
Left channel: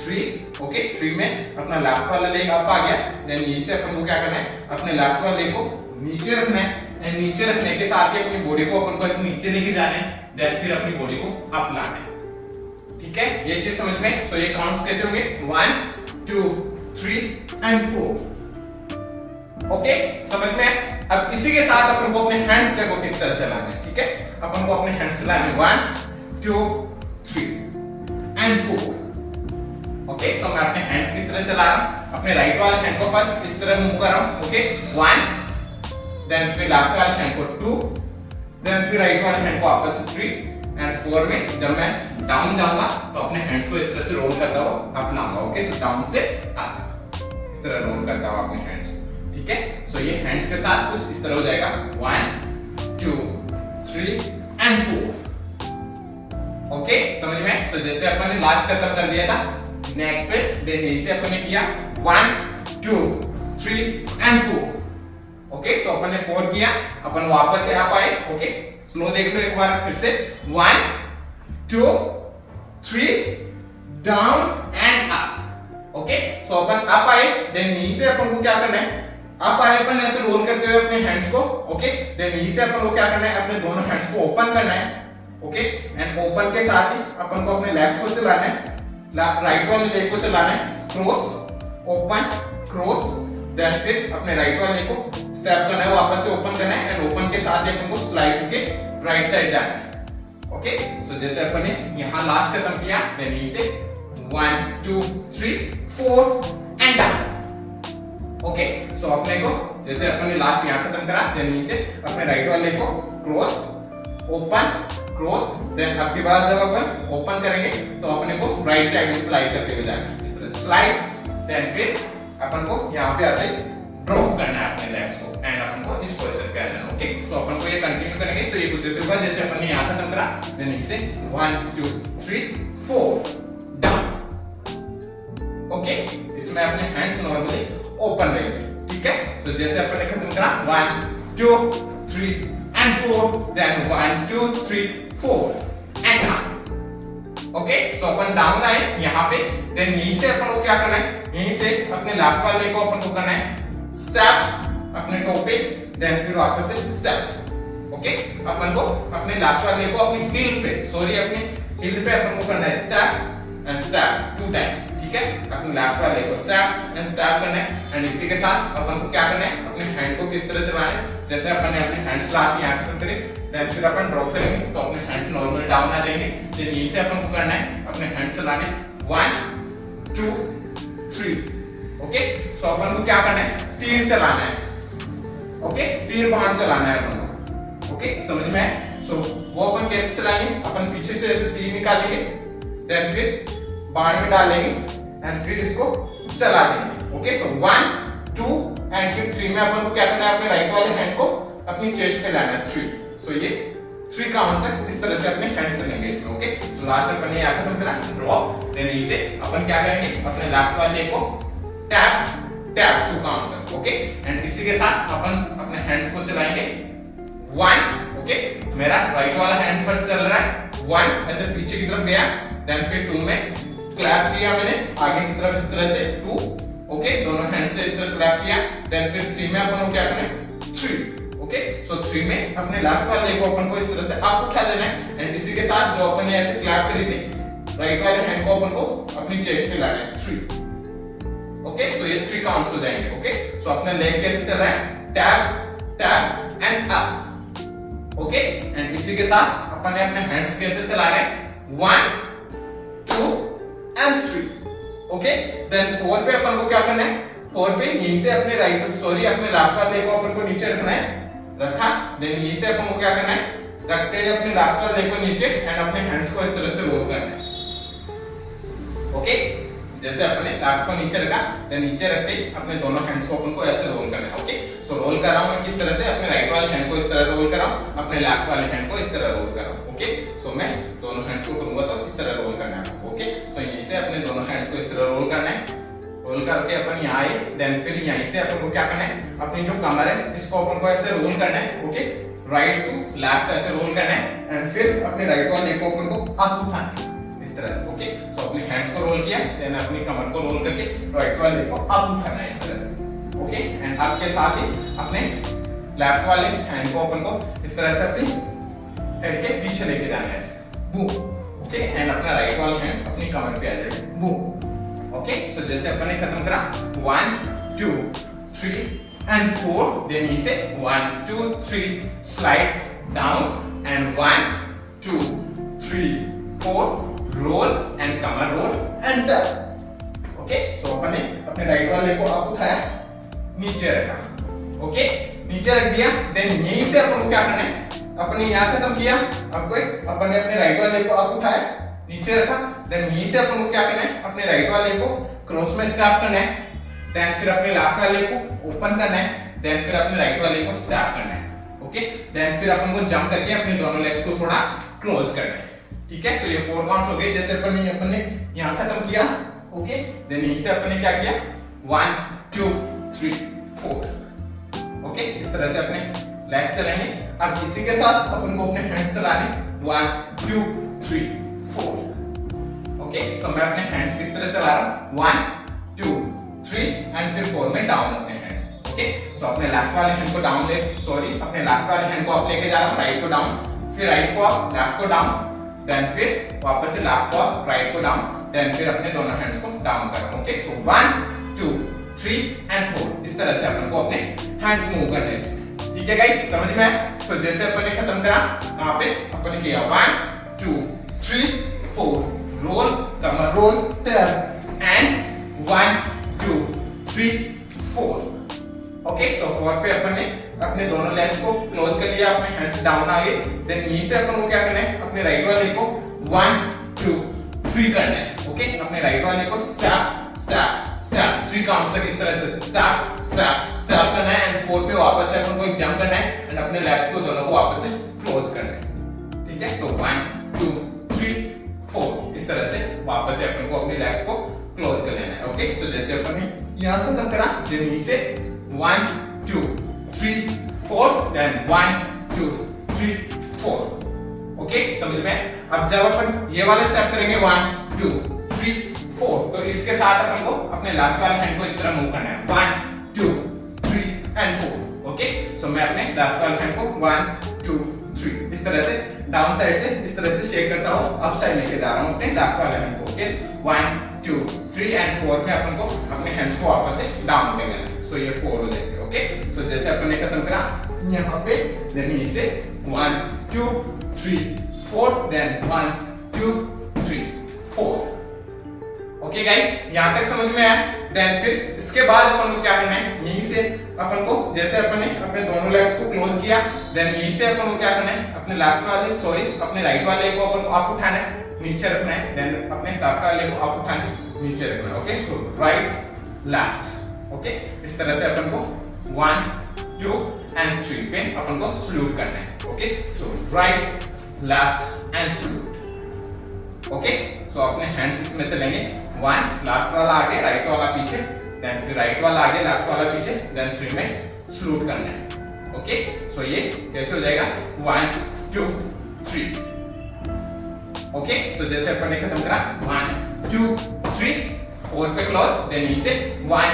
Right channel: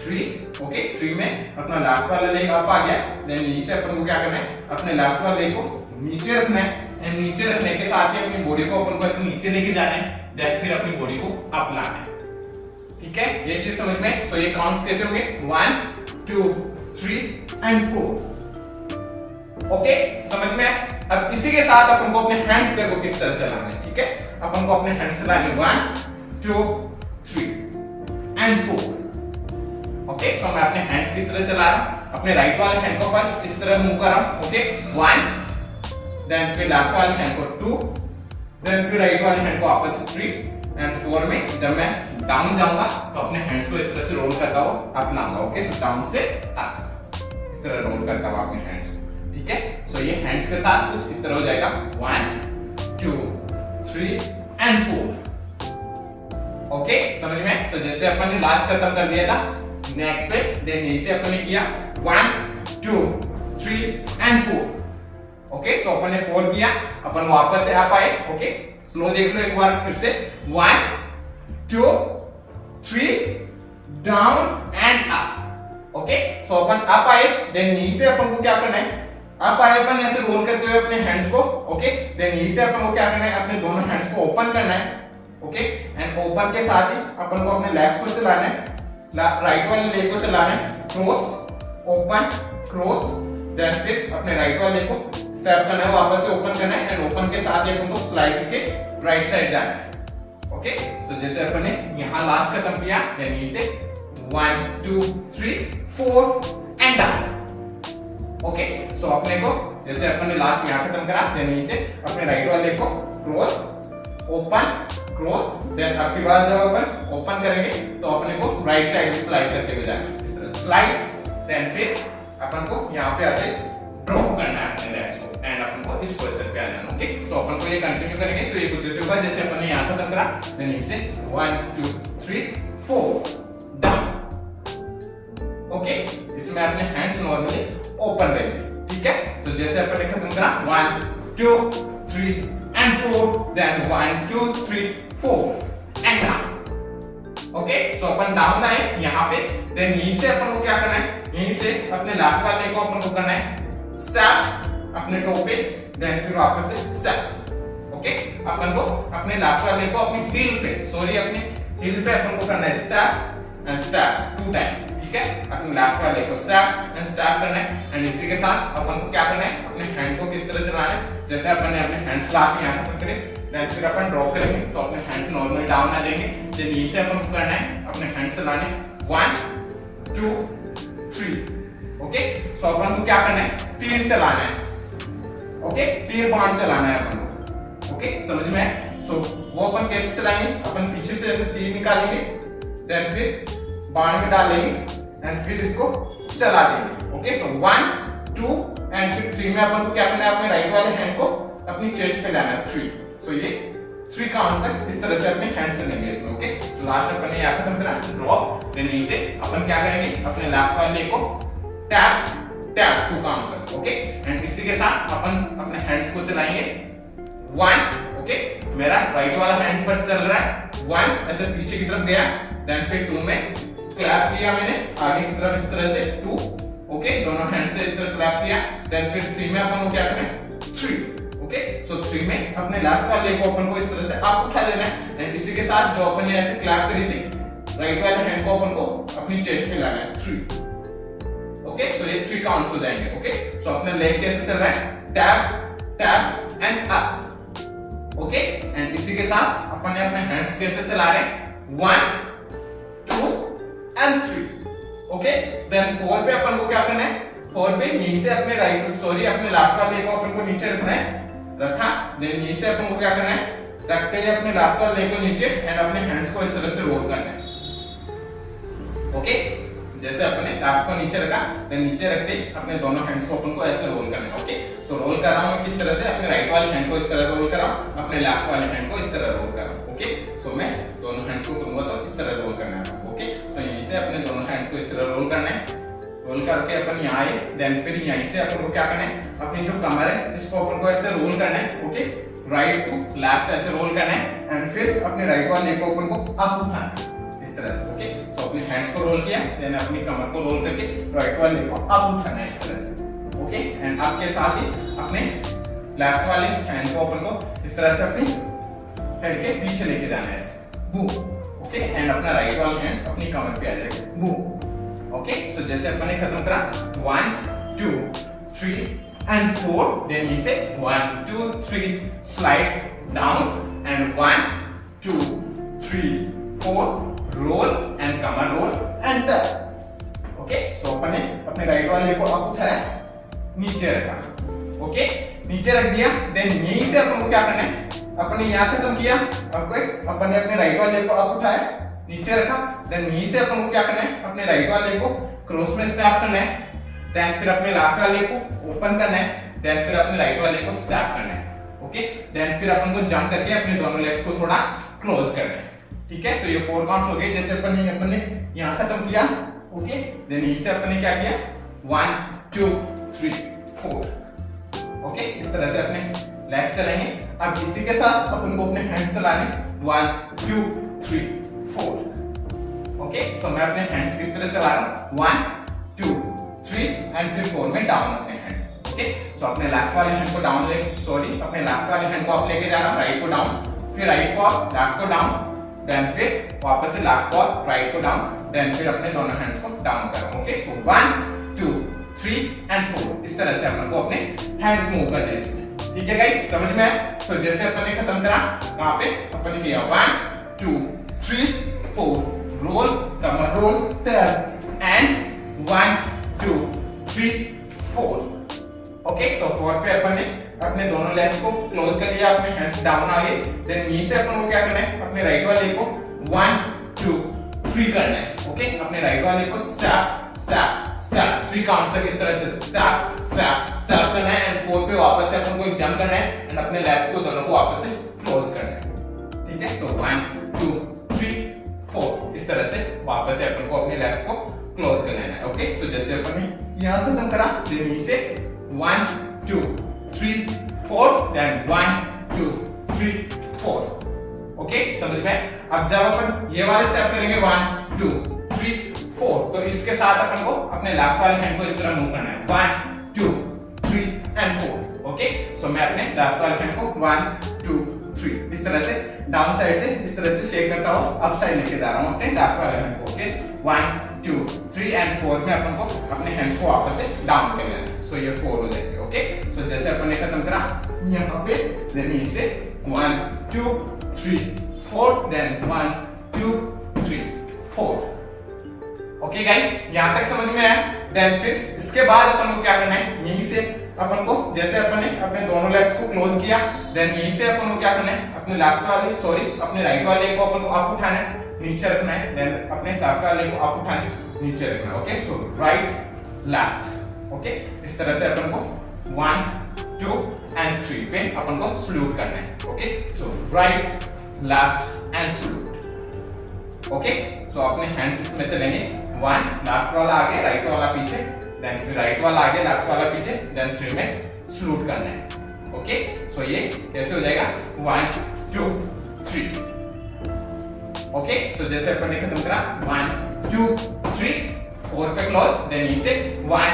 3। ओके, 3 में अपना लेफ्ट वाला लेग अप आ गया। देन यहीं से अपन को क्या करना है, अपने लेफ्ट वाले लेग को नीचे रखना है एंड नीचे रखने के साथ ही अपनी बॉडी को अपन को ऐसे नीचे लेके जाना है। देन फिर अपनी बॉडी को अप लाना है। ठीक है, ये चीज समझ में। सो ये काउंट्स कैसे होंगे 1 2 3 एंड 4। ओके, समझ में। अब इसी के साथ अपन को अपने हैंड्स देखो किस तरह चलाने हैं। ठीक है, अपन को अपने हैंड्स चलाने 1 2 3 एंड 4। ओके, सो मैं अपने हैंड्स किस तरह चला रहा हूं, अपने राइट वाले हैंड को फर्स्ट इस तरह मूव कर रहा हूं। ओके, 1 देन फिर लेफ्ट वाले हैंड को 2 देन फिर राइट वाले हैंड को आपस में 3 एंड 4 में जब मैं डाउन जाऊंगा तो अपने हैंड्स को इस तरह से रोल करता हुआ अप लाऊंगा। ओके, सो डाउन से अप इस तरह रोल करता हुआ अपने हैंड्स को। ठीक है, सो ये हैंड्स के साथ कुछ इस तरह हो जाएगा 1 2 3 एंड 4। ओके, समझ में। सो जैसे अपन ने लास्ट खत्म कर दिया था नेक पे, देन यहीं से अपन ने किया 1 2 3 एंड 4। ओके, सो अपन ने 4 किया, अपन वापस से आप आए। ओके, स्लो देख लो एक बार फिर से 1 2 3 down and up. Okay, so upon up आए, देन नीचे से अपन को क्या करना है, अप आए अपन ऐसे रोल करते हुए अपने हैंड्स को। ओके, देन नीचे से अपन को क्या करना है, अपने दोनों हैंड्स को ओपन करना है। ओके, एंड ओपन के साथ ही अपन को अपने लेग्स को चलाना है, राइट वाले लेग को चलाना है, क्रॉस ओपन क्रॉस। देन फिर अपने राइट वाले को स्टेप करना है, वापस से ओपन करना है एंड ओपन के साथ ही अपन को स्लाइड के राइट साइड जाना है। ओके, सो जैसे अपन ने यहां लास्ट खत्म किया, देन यहीं से 1 2 3 4 एंड डाउन। ओके, सो अपने को जैसे अपन ने लास्ट यहां खत्म करा, देन यहीं से अपने राइट वाले को क्रॉस ओपन क्रॉस। देन अब की बार जब अपन ओपन करेंगे तो अपने को राइट साइड में स्लाइड करते हुए जाना है, इस तरह स्लाइड। देन फिर अपन को यहाँ पे आते ड्रॉप करना है अपने लेग्स को एंड अपन को इस पोजीशन पे आना है। ओके, सो अपन को ये कंटिन्यू करेंगे तो ये कुछ ऐसे होगा जैसे अपन ने यहाँ खत्म करा, देन इसे 1 2 3 4 डाउन। ओके, इसमें अपने हैंड्स नॉर्मली ओपन रहेंगे। ठीक है, सो जैसे अपन ने खत्म करा 1 2 3 and 4 then 1 2 3 4 and down. Okay, so अपन डाउन आए यहाँ पे, देन यहीं से अपन को क्या करना है, यहीं से अपने लेफ्ट वाले को अपन को करना है स्टेप अपने टो पे, देन फिर वापस से स्टेप। ओके, अपन को अपने लेफ्ट वाले को अपनी हील पे, सॉरी अपनी हील पे अपन को करना है स्टेप एंड स्टेप 2 टाइम। ठीक है, अपने लेफ्ट वाले को स्टेप एंड स्टेप करना है एंड इसी के साथ अपन को क्या करना है, अपने हैंड को किस तरह चलाना है, जैसे अपन ने अपने हैंड्स लास्ट यहाँ खत्म करे, देन फिर अपन ड्रॉप करेंगे तो अपने हैंड्स नॉर्मल डाउन आ जाएंगे। देन यहीं से अपन को करना है अपने हैंड्स चलाने 1 2 3। ओके, सो अपन को क्या करना है, तीर चलाना है। ओके, तीर बाण चलाना है अपन को। ओके, समझ में है। सो वो अपन कैसे चलाएंगे, अपन पीछे से ऐसे तीर निकालेंगे, देन फिर बाण में डालेंगे एंड फिर इसको चला देंगे। ओके, सो 1 2 एंड फिर 3 में अपन को क्या करना है, अपने राइट वाले हैंड को अपनी चेस्ट पे लाना है 3। सो ये 3 काउंट्स तक इस तरह से अपने हैंड्स चलेंगे इसमें। ओके, सो लास्ट अपन ने यहाँ खत्म करा ड्रॉप, देन इसे अपन क्या करेंगे, अपने लेफ्ट वाले को टैप टैप 2 काउंट्स तक। ओके, एंड इसी के साथ अपन अपने हैंड्स को चलाएंगे 1। ओके, मेरा राइट वाला हैंड फर्स्ट चल रहा है 1 ऐसे पीछे की तरफ गया, देन फिर 2 में क्लैप किया मैंने आगे की तरफ इस तरह से 2। ओके, दोनों हैंड से इस तरह क्लैप किया, देन फिर 3 में अपन को क्या करना है 3। ओके, सो 3 में अपने लेफ्ट वाले को अपन को इस तरह से अप उठा लेना है एंड इसी के साथ जो अपन ने ऐसे क्लैप करी थी राइट वाले हैंड को अपन को अपनी चेस्ट पे लाना है 3। ओके, सो ये 3 काउंट्स हो जाएंगे। ओके, सो अपना लेग कैसे चल रहा है, tap tap and up. Okay, and इसी के साथ अपन ने अपने हैंड्स कैसे चला रहे हैं 1 2 एंड 3। ओके, देन 4 पे अपन को क्या करना है, 4 पे यहीं से अपने अपने लेफ्ट वाले को अपन को नीचे रखना है, रखा, देन यहीं से अपन को क्या करना है, रखते हुए अपने लेफ्ट वाले को नीचे एंड अपने हैंड्स को इस तरह से रोल करना है। ओके, जैसे अपने लेफ्ट को नीचे रखा, देन नीचे रखते ही अपने दोनों हैंड्स को अपन को ऐसे रोल करना है। ओके, सो रोल कर रहा हूं मैं किस तरह से, अपने राइट वाले हैंड को इस तरह रोल कर रहा हूं, अपने लेफ्ट वाले हैंड को इस तरह रोल कर रहा हूं। ओके, सो मैं दोनों हैंड्स को करूंगा तो इस तरह रोल करना है। ओके, सो यहीं से अपने दोनों हैंड्स को इस तरह रोल करना है, रोल रोल करके अपन यहाँ आए, देन फिर यहीं से अपन को क्या करना है, अपनी जो कमर है इसको अपन को ऐसे रोल करना है, ओके, राइट टू लेफ्ट ऐसे रोल करना है, एंड फिर अपने राइट वाले को अपन को अप उठाना है इस तरह से, ओके। सो अपने हैंड्स को रोल किया, देन अपनी कमर को रोल करके राइट वाले को अप उठाना है इस तरह से, ओके। एंड आपके साथ ही अपने लेफ्ट वाले हैंड को अपन को इस तरह से अपनी हेड के पीछे लेके जाना है, बूम, ओके। एंड अपना राइट वाला हैंड अपनी कमर पे आ जाएगा, बूम, ओके। सो जैसे अपन ने खत्म करा 1 2 3 and 4, then he say 1 2 3 slide down and 1 2 3 4 roll and come on roll and tap, okay। so अपन ने अपने राइट वाले को अप उठाया, नीचे रखा, ओके, नीचे रख दिया, देन यहीं से अपन को क्या करना है, अपने यहाँ खत्म किया, अपन ने अपने राइट वाले को अप उठाया, नीचे रखा, देन यहीं से अपन को क्या करना है, अपने राइट वाले को क्रॉस में स्टैप करना है, देन फिर अपने लेफ्ट वाले को ओपन करना है, देन फिर अपने राइट वाले को स्टैप करना है, ओके। देन फिर अपन को जंप करके अपने दोनों लेग्स को थोड़ा क्लोज करना है, ठीक है। सो ये 4 काउंट्स हो गए, जैसे अपन ने यहाँ खत्म किया, ओके। देन यहीं से अपन ने क्या किया 1 2 3 4, ओके, इस तरह से अपने लेग्स चलाएंगे। अब इसी के साथ अपन को अपने हैंड्स चलाने 1 2 3 4, ओके। सो मैं अपने हैंड्स किस तरह चला रहा हूँ 1 2 3 एंड फिर 4 में डाउन अपने हैंड्स, ओके। सो अपने लेफ्ट वाले हैंड को डाउन अपने लेफ्ट वाले हैंड को अप लेके जा रहा हूँ, राइट को डाउन, फिर राइट को अप, लेफ्ट को डाउन, देन फिर वापस से लेफ्ट को अप, राइट को डाउन, देन फिर अपने दोनों हैंड्स को डाउन कर रहा हूँ, ओके। सो 1 2 3 एंड 4, इस तरह से अपन को अपने हैंड्स मूव करने हैं इसमें, ठीक है गाइस, समझ में आया। सो जैसे अपन ने खत्म करा, कहां पे अपन ने किया 1 2 3 4 रोल, कमर roll, turn and 1 2 3 4, okay. So 4 पे अपन ने अपने दोनों लेग्स को क्लोज कर लिया, अपने हैंड्स डाउन आ गए, देन यहीं से अपन को क्या करना है, अपने राइट वाले को 1 2 3 करना है, ओके। अपने राइट वाले को स्टैप स्टैप स्टैप 3 काउंट्स तक इस तरह से स्टैप स्टैप स्टैप करना है, एंड 4 पे वापस से अपन को एक जंप करना है, एंड अपने लेग्स को दोनों को वापस से क्लोज करना है, ठीक है। सो 1 2 3 4, इस तरह से वापस से अपन को अपने लेग्स को क्लोज कर लेना है, ओके। सो जैसे अपन ने यहाँ खत्म करा, देन यहीं से 1 2 3 4, देन 1 2 3 4, ओके, समझ में। अब जब अपन ये वाले स्टेप करेंगे 1 2 3 4, तो इसके साथ अपन को अपने लेफ्ट वाले हैंड को इस तरह मूव करना है 1 2 3 एंड 4, ओके। सो मैं अपने लेफ्ट वाले हैंड को 1 2 3 इस तरह से डाउन साइड से इस तरह से शेक करता हुआ अप साइड लेके जा रहा हूँ अपने लेफ्ट वाले हैंड को, ओके। 1 2 3 एंड 4 में अपन को अपने हैंड्स को वापस से डाउन कर लेना है, सो ये 4 हो जाएंगे, ओके। सो जैसे अपन ने खत्म करा यहाँ पे, देन इसे 1 2 3 4, देन 1 2 3 4, ओके गाइस, यहाँ तक समझ में आया। देन फिर इसके बाद अपन को क्या करना है, यहीं से अपन को जैसे अपन ने अपने दोनों लेग्स को क्लोज किया, देन यहीं से अपन को क्या करना है, अपने लेफ्ट वाले अपने राइट वाले को अपन को अप उठाना है, नीचे रखना है, देन अपने लेफ्ट वाले को अप उठाना है, नीचे रखना है, okay. So right left, okay, इस तरह से अपन को 1 2 एंड 3 पे अपन को सल्यूट करना है, okay. So right left and salute, okay. So अपने हैंड्स इसमें चलेंगे, 1 लेफ्ट वाला आगे, राइट वाला पीछे, देन फिर राइट वाला आगे, लेफ्ट वाला पीछे, देन 3 में सल्यूट करना है, ओके। सो ये कैसे हो जाएगा 1 2 3, ओके। सो जैसे अपन ने खत्म करा 1 2 3 4 पे क्लोज, देन इसे 1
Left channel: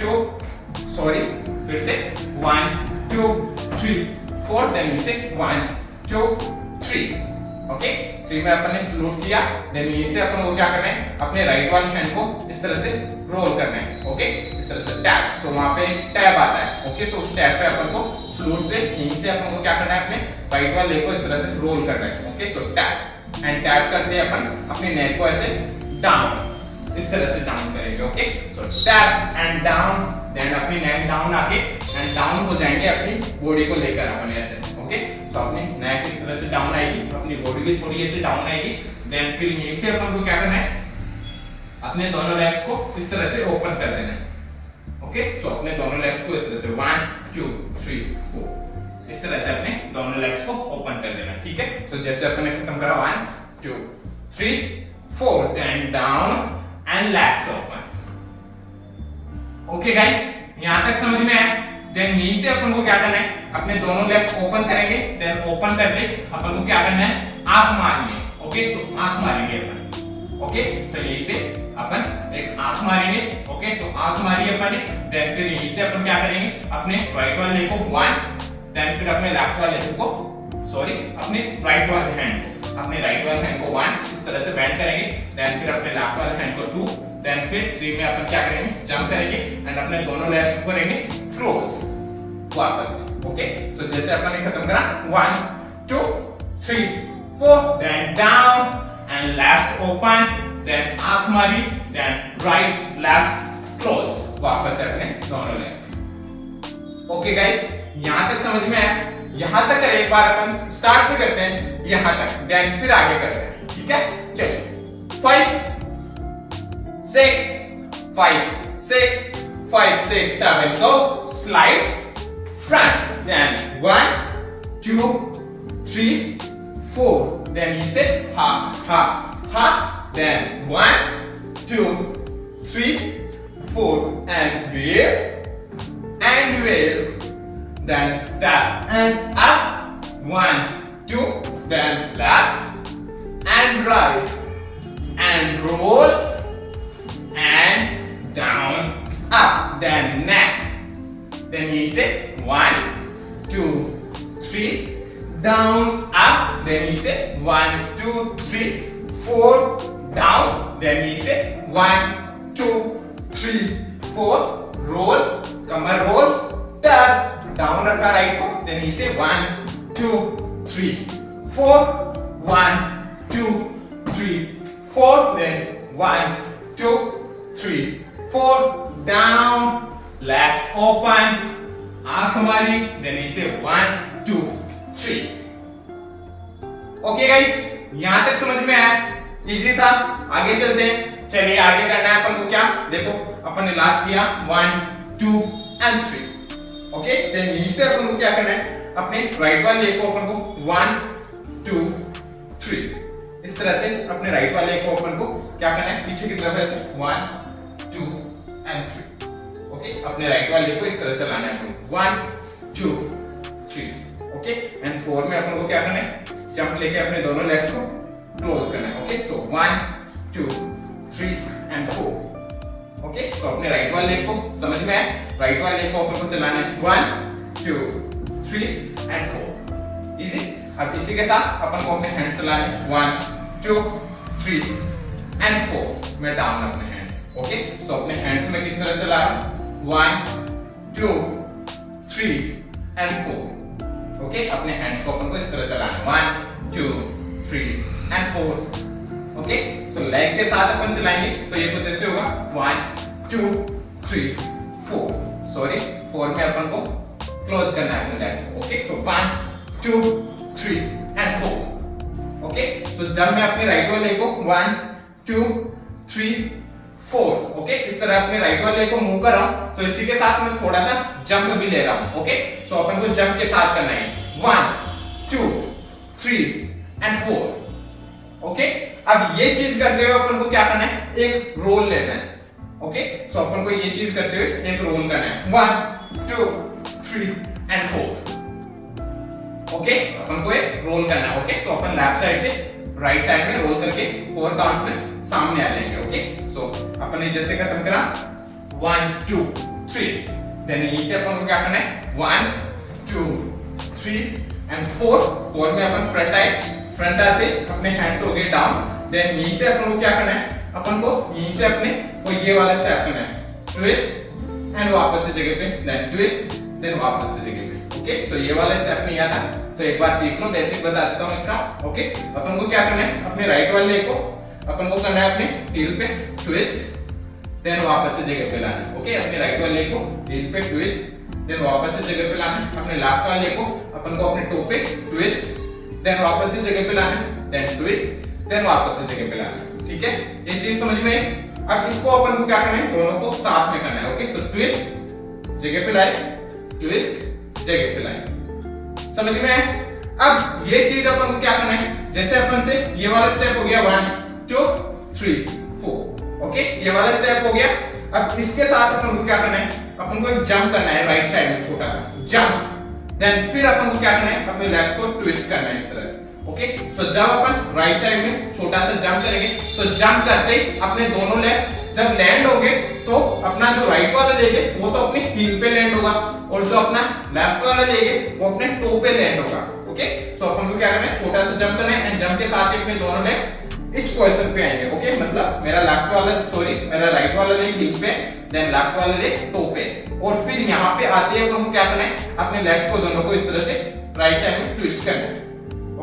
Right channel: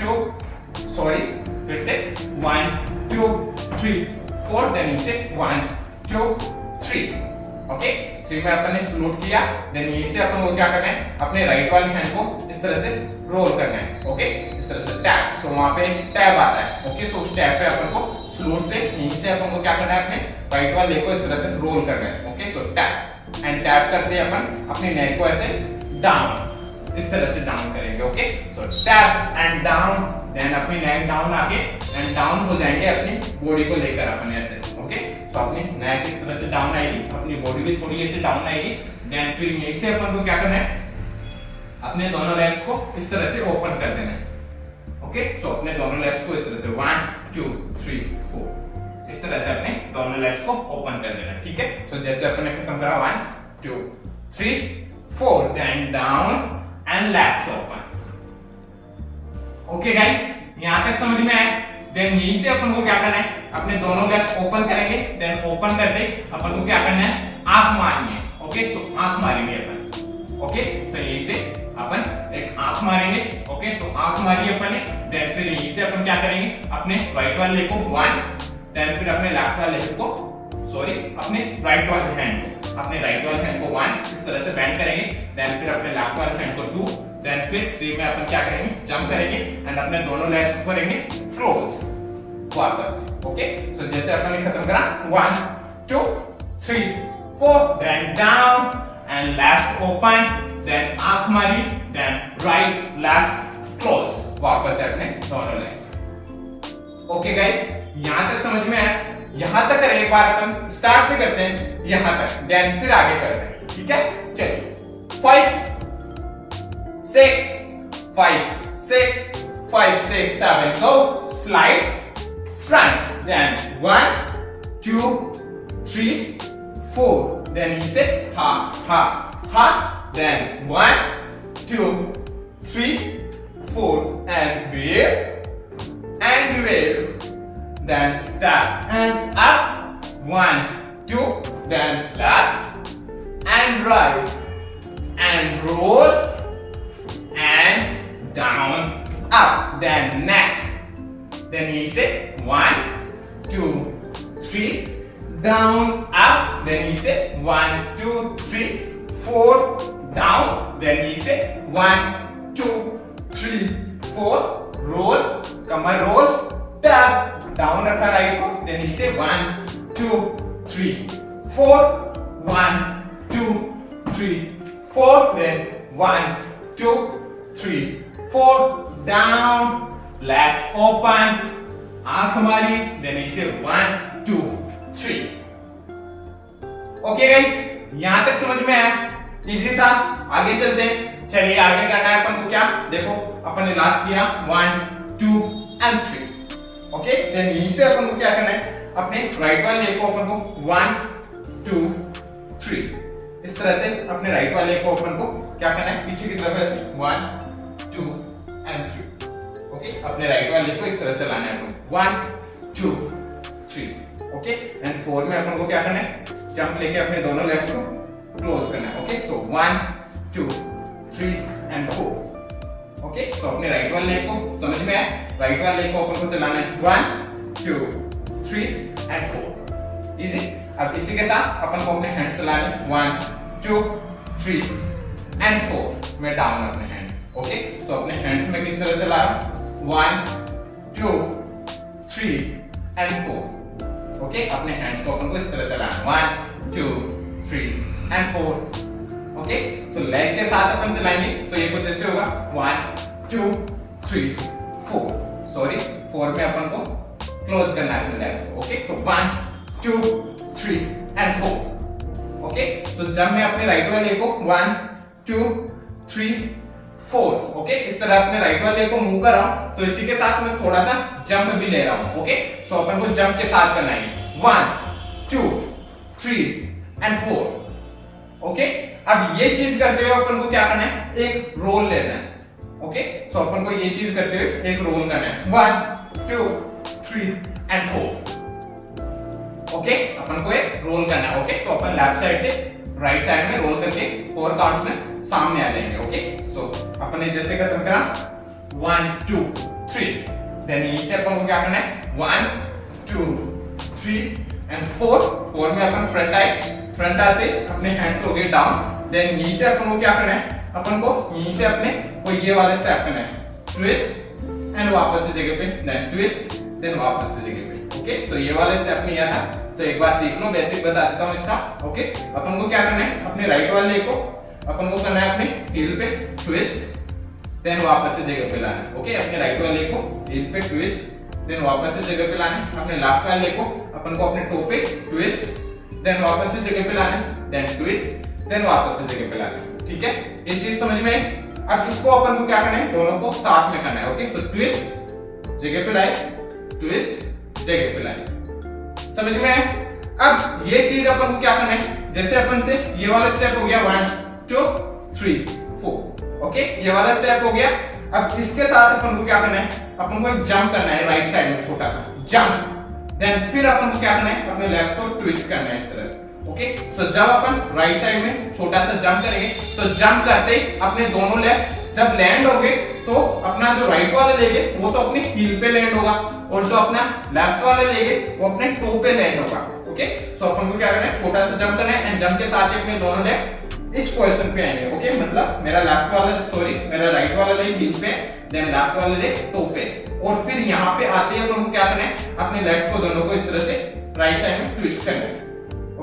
2 फिर से 1 2 3 4, देन इसे 1 2 3, ओके। 3 में अपन ने सल्यूट किया, देन यहीं से अपन को क्या करना है, अपने राइट वाले हैंड को इस तरह से रोल करना है, ओके, इस तरह से टैप। सो वहां पे टैप आता है, ओके। सो उस टैप पे अपन को सल्यूट से यहीं से अपन को क्या करना है, अपने राइट वाले को इस तरह से रोल करना है, okay. So tap and tap करते अपन अपने नेक को ऐसे डाउन, इस तरह से डाउन करेंगे, okay. So tap and down, then अपनी नेक डाउन आके एंड डाउन हो जाएंगे अपनी बॉडी को लेकर अपन ऐसे, ओके। सो अपनी नेक इस तरह से डाउन आएगी, अपनी बॉडी भी थोड़ी ऐसे डाउन आएगी, देन फिर यहीं से अपन को क्या करना है, अपने दोनों लेग्स को इस तरह से ओपन कर देना है, ओके। सो अपने दोनों लेग्स को इस तरह से 1 2 3 4 इस तरह से अपने दोनों लेग्स को ओपन कर देना, ठीक है। सो जैसे अपन ने खत्म करा 1 2 3 4, then down and legs open, okay guys, यहां तक समझ में आया। देन यहीं से अपन को क्या करना है, अपने दोनों लेग्स ओपन करेंगे। देन ओपन कर दे अपन को क्या करना है, आंख मारनी है। ओके, तो आंख मारेंगे अपन। ओके, सो यहीं से अपन एक आंख मारेंगे। ओके, तो आंख मारी अपन ने। देन फिर यहीं से अपन क्या करेंगे, अपने राइट वाले लेग को 1, देन फिर अपने लेफ्ट वाले लेग को, सॉरी अपने राइट वाले हैंड को, अपने राइट वाले हैंड को 1 इस तरह से बेंड करेंगे। देन फिर अपने लेफ्ट वाले हैंड को 2, देन फिर 3 में अपन क्या करेंगे, जंप करेंगे एंड अपने दोनों लेग्स को करेंगे क्लोज वापस। ओके, सो जैसे अपन ने खत्म करा 1 2 3 4, then down and left open, then आंख मारी, देन राइट लेफ्ट क्लोज वापस है अपने दोनों लेग्स। ओके गाइस, यहां तक समझ में आया। यहां तक करें एक बार, अपन स्टार्ट से करते हैं यहां तक, देन फिर आगे करते हैं। ठीक है, चलिए 5 6 5 6 5 6 7 go slide front, then 1 2 3 4, then you say ha ha ha, then 1 2 3 4 and wheel, then step and up 1 2, then left and right and roll and down up, then neck, then you say 1 2 3 down up, then you say 1 2 3 4 down, then you say 1 2 3 4 roll, Qamar roll, tap down रखा right को, then you say 1 2 3 4 1 2 3 4, then 1 2 3 4 down, legs open, आंख मारी, then you say 1 2 3। Okay guys, यहां तक समझ में आया, easy था। आगे चलते हैं। चलिए आगे करना है अपन को क्या, देखो अपन ने लास्ट किया 1 2 and 3। ओके, देन यहीं से अपन को क्या करना है, अपने राइट वाले लेग को अपन को 1 2 3 इस तरह से अपने राइट वाले लेग को अपन को क्या करना है, पीछे की तरफ ऐसे 1 2 and 3। ओके, अपने राइट वाले लेग को इस तरह चलाना है अपन को 1 2 3। ओके, एंड 4 में अपन को क्या करना है, जंप लेके अपने दोनों लेग्स को क्लोज करना है। Okay, so 1 2 3 and 4। ओके, तो अपने राइट वाले लेग को समझ में आया, राइट वाले लेग को अपन को चलाना है 1 2 3 and 4। इजी। अब इसी के साथ अपन को अपने हैंड्स चलाने 1 2 3 and 4 में डाउन अपने हैंड्स। ओके, तो अपने हैंड्स में किस तरह चला रहा हूं, 1 2 3 and 4। ओके, अपने हैंड्स को अपन को इस तरह चलाना 1 2 3 and 4। ओके, सो लेग के साथ अपन चलाएंगे तो ये कुछ ऐसे होगा 1 2 3 4, सॉरी 4 में अपन को क्लोज करना है अपने लेग्स को। Okay, so 1 2 3 and 4। Okay, so जब मैं अपने राइट वाले लेग को 1 2 3 4, ओके, इस तरह अपने राइट वाले लेग को मूव कर रहा हूं, तो इसी के साथ मैं थोड़ा सा जंप भी ले रहा हूं। ओके, सो अपन को जंप के साथ करना है 1 2 3 and 4। ओके, अब ये चीज करते हुए अपन को क्या करना है, एक रोल लेना है। ओके, सो अपन को ये चीज करते हुए एक रोल करना है 1 2 3 and 4। ओके, अपन को एक रोल करना है। ओके, सो अपन लेफ्ट साइड से राइट साइड में रोल करके 4 काउंट्स में सामने आ जाएंगे। ओके, सो अपन ने जैसे खत्म करा 1 2 3, देन यहीं से अपन को क्या करना है 1 2 3 and 4 में अपन फ्रंट आए, फ्रंट आते अपने हैंड्स हो गए डाउन। देन यहीं से अपन को क्या करना है, अपन को यहीं से अपने को ये वाला स्टेप करना है, ट्विस्ट एंड वापस से जगह पे, देन ट्विस्ट, देन वापस से जगह पे। ओके, सो ये वाला स्टेप नहीं आता तो एक बार सीख लो, बेसिक बता देता हूं इसका। ओके, अपन को क्या करना है, अपने राइट वाले लेग को अपन को करना है अपने हील पे ट्विस्ट, देन वापस से जगह पे लाना है। ओके, अपने राइट वाले लेग को हील पे ट्विस्ट, देन वापस से जगह पे लाना है। अपने लेफ्ट वाले लेग को अपन को अपने टो पे ट्विस्ट, देन वापस से जगह पे लाना है, देन ट्विस्ट, देन वापस से जगह पे लाना है। ठीक है, ये चीज समझ में आई। अब इसको अपन को क्या करना है, दोनों को साथ में करना है। ओके, सो ट्विस्ट जगह पे लाए, ट्विस्ट जगह पे लाए, समझ में आया। अब ये चीज अपन को क्या करना है, जैसे अपन से ये वाला स्टेप हो गया 1 2 3 4। ओके, ये वाला स्टेप हो गया। अब इसके साथ अपन को क्या करना है, अपन को एक जंप करना है राइट साइड में, छोटा सा जंप। देन फिर अपन को क्या करना है, अपने लेग्स को ट्विस्ट करना है इस तरह से। ओके, सो जब अपन राइट साइड में छोटा सा जंप करेंगे तो जंप करते ही अपने दोनों लेग्स जब लैंड होंगे तो अपना जो राइट वाला लेग है वो तो अपनी हील पे लैंड होगा और जो अपना लेफ्ट वाला लेग है वो अपने टो पे लैंड होगा। ओके, सो अपन को क्या करना है, छोटा सा जंप करना है एंड जंप के साथ ही अपने दोनों लेग्स इस पोजीशन पे आएंगे। ओके, मतलब मेरा मेरा राइट वाला लेग हील पे, देन लेफ्ट वाला लेग टो पे, और फिर यहाँ पे आते ही अपन को क्या करना है, अपने लेग्स को दोनों को इस तरह से राइट साइड में ट्विस्ट करना है।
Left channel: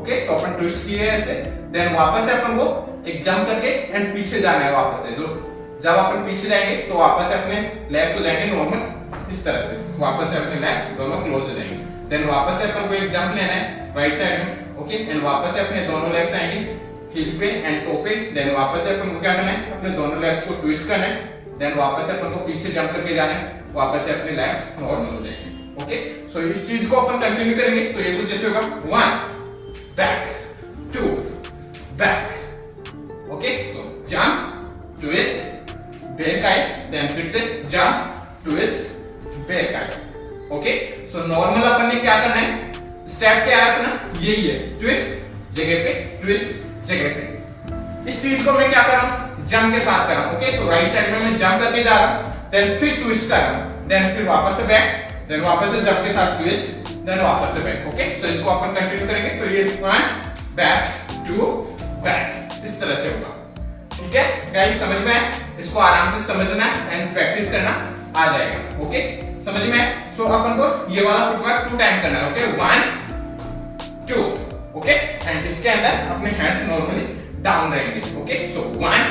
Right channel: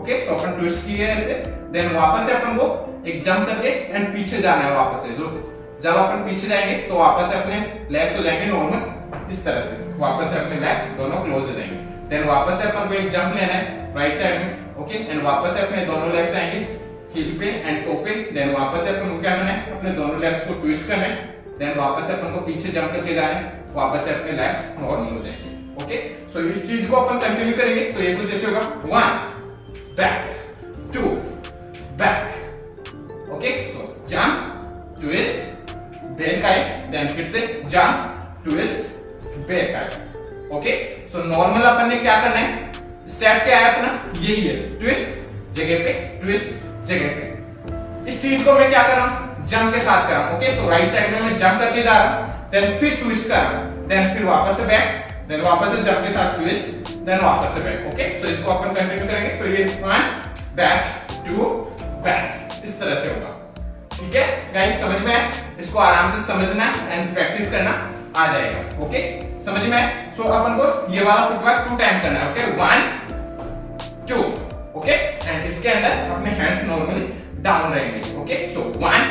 ओके, सो अपन ट्विस्ट किए ऐसे, देन वापस से अपन को एक जंप करके एंड पीछे जाना है वापस से। जो जब अपन पीछे जाएंगे तो वापस से अपने लेग्स हो जाएंगे नॉर्मल इस तरह से, वापस से अपने लेग्स दोनों क्लोज हो जाएंगे। देन वापस से अपन को एक जंप लेना है राइट साइड में। ओके, एंड वापस से अपने दोनों लेग्स आएंगे हील पे एंड टो पे। देन वापस से अपन को क्या करना है, अपने दोनों लेग्स को ट्विस्ट करना है। देन वापस से अपन को पीछे जंप करके जाना है, वापस से अपने लेग्स नॉर्मल हो जाएंगे। ओके, सो इस चीज को अपन कंटिन्यू करेंगे तो ये कुछ ऐसे होगा, 1 back 2 back। ओके, सो जंप ट्विस्ट बैक आए, देन फिर से जंप ट्विस्ट बैक आए। ओके, सो नॉर्मल अपन ने क्या करना है, स्टेप क्या है अपना, यही है, ट्विस्ट जगह पे ट्विस्ट जगह पे। इस चीज को मैं क्या कर रहा हूं, जंप के साथ कर रहा हूं। ओके, सो राइट साइड में मैं जंप करके जा रहा हूं, देन फिर ट्विस्ट कर रहा हूं, देन फिर वापस से बैक, देन वापस से जंप के साथ ट्विस्ट, देन वापस से बैक। ओके, सो इसको अपन कंटिन्यू करेंगे तो ये 1 बैक 2 बैक इस तरह से होगा। ठीक है गाइस, समझ में आया? इसको आराम से समझना एंड प्रैक्टिस करना आ जाएगा। ओके, समझ में आया? सो अपन को ये वाला फुटवर्क 2 टाइम करना है। ओके, 1 2। ओके, एंड इसके अंदर अपने हैंड्स नॉर्मली डाउन रहेंगे। ओके, सो 1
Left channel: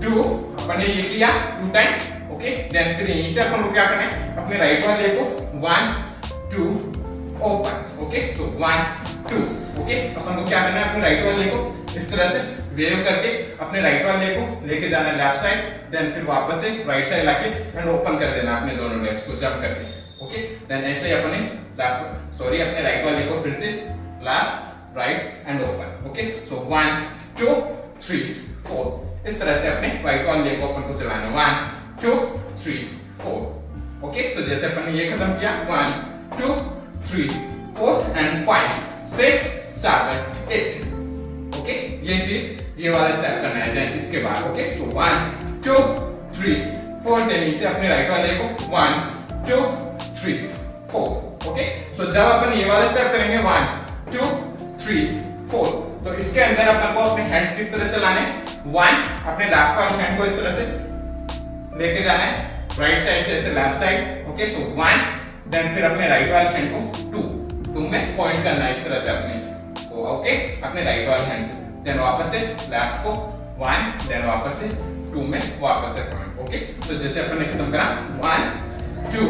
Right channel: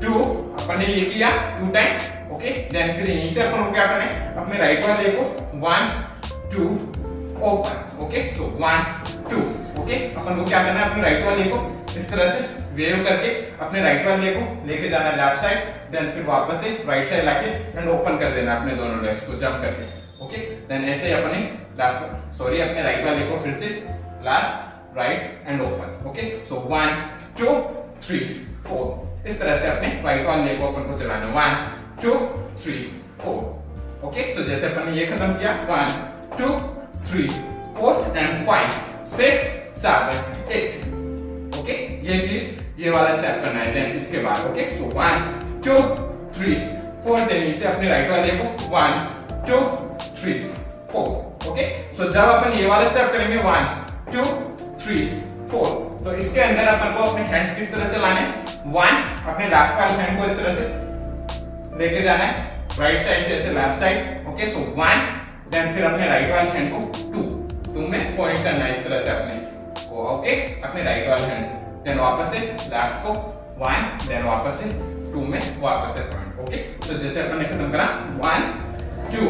2 अपन ने ये किया 2 टाइम। ओके, देन फिर यहीं से अपन को क्या करना है, अपने राइट वाले को 1 2 ओपन। ओके, सो 1 2। ओके, अपन को क्या करना है, अपने राइट वाले को इस तरह से वेव करके अपने राइट वाले को लेके जाना है लेफ्ट साइड, देन फिर वापस से राइट साइड लाके एंड ओपन कर देना अपने दोनों लेग्स को जंप करके। ओके, देन ऐसे ही अपने अपने राइट वाले को फिर से left right and open. Okay, सो 1 2 3 4 इस तरह से अपने राइट वाले को अपन को चलाना है, 1 2 3 4। ओके, सो जैसे अपन ने ये खत्म किया, 1 2 3 4 एंड 5 6 7 8। ओके, ये चीज ये वाला स्टेप करना है। देन इसके बाद ओके, सो 1 2 3 4, देन इसे अपने राइट वाले को 1 2 3 4। ओके, सो जब अपन ये वाला स्टेप करेंगे 1 2 3 4, तो इसके अंदर अपन को अपने हैंड्स किस तरह चलाने, 1 अपने लेफ्ट वाले हैंड को इस तरह से लेके जाना है राइट साइड से ऐसे लेफ्ट साइड। ओके, सो 1, देन फिर अपने राइट वाले हैंड को 2 में पॉइंट करना है इस तरह से अपने को। ओके, अपने राइट वाले हैंड से, देन वापस से लेफ्ट को 1, देन वापस से 2 में वापस से पॉइंट। ओके, तो जैसे अपन ने खत्म करा 1 2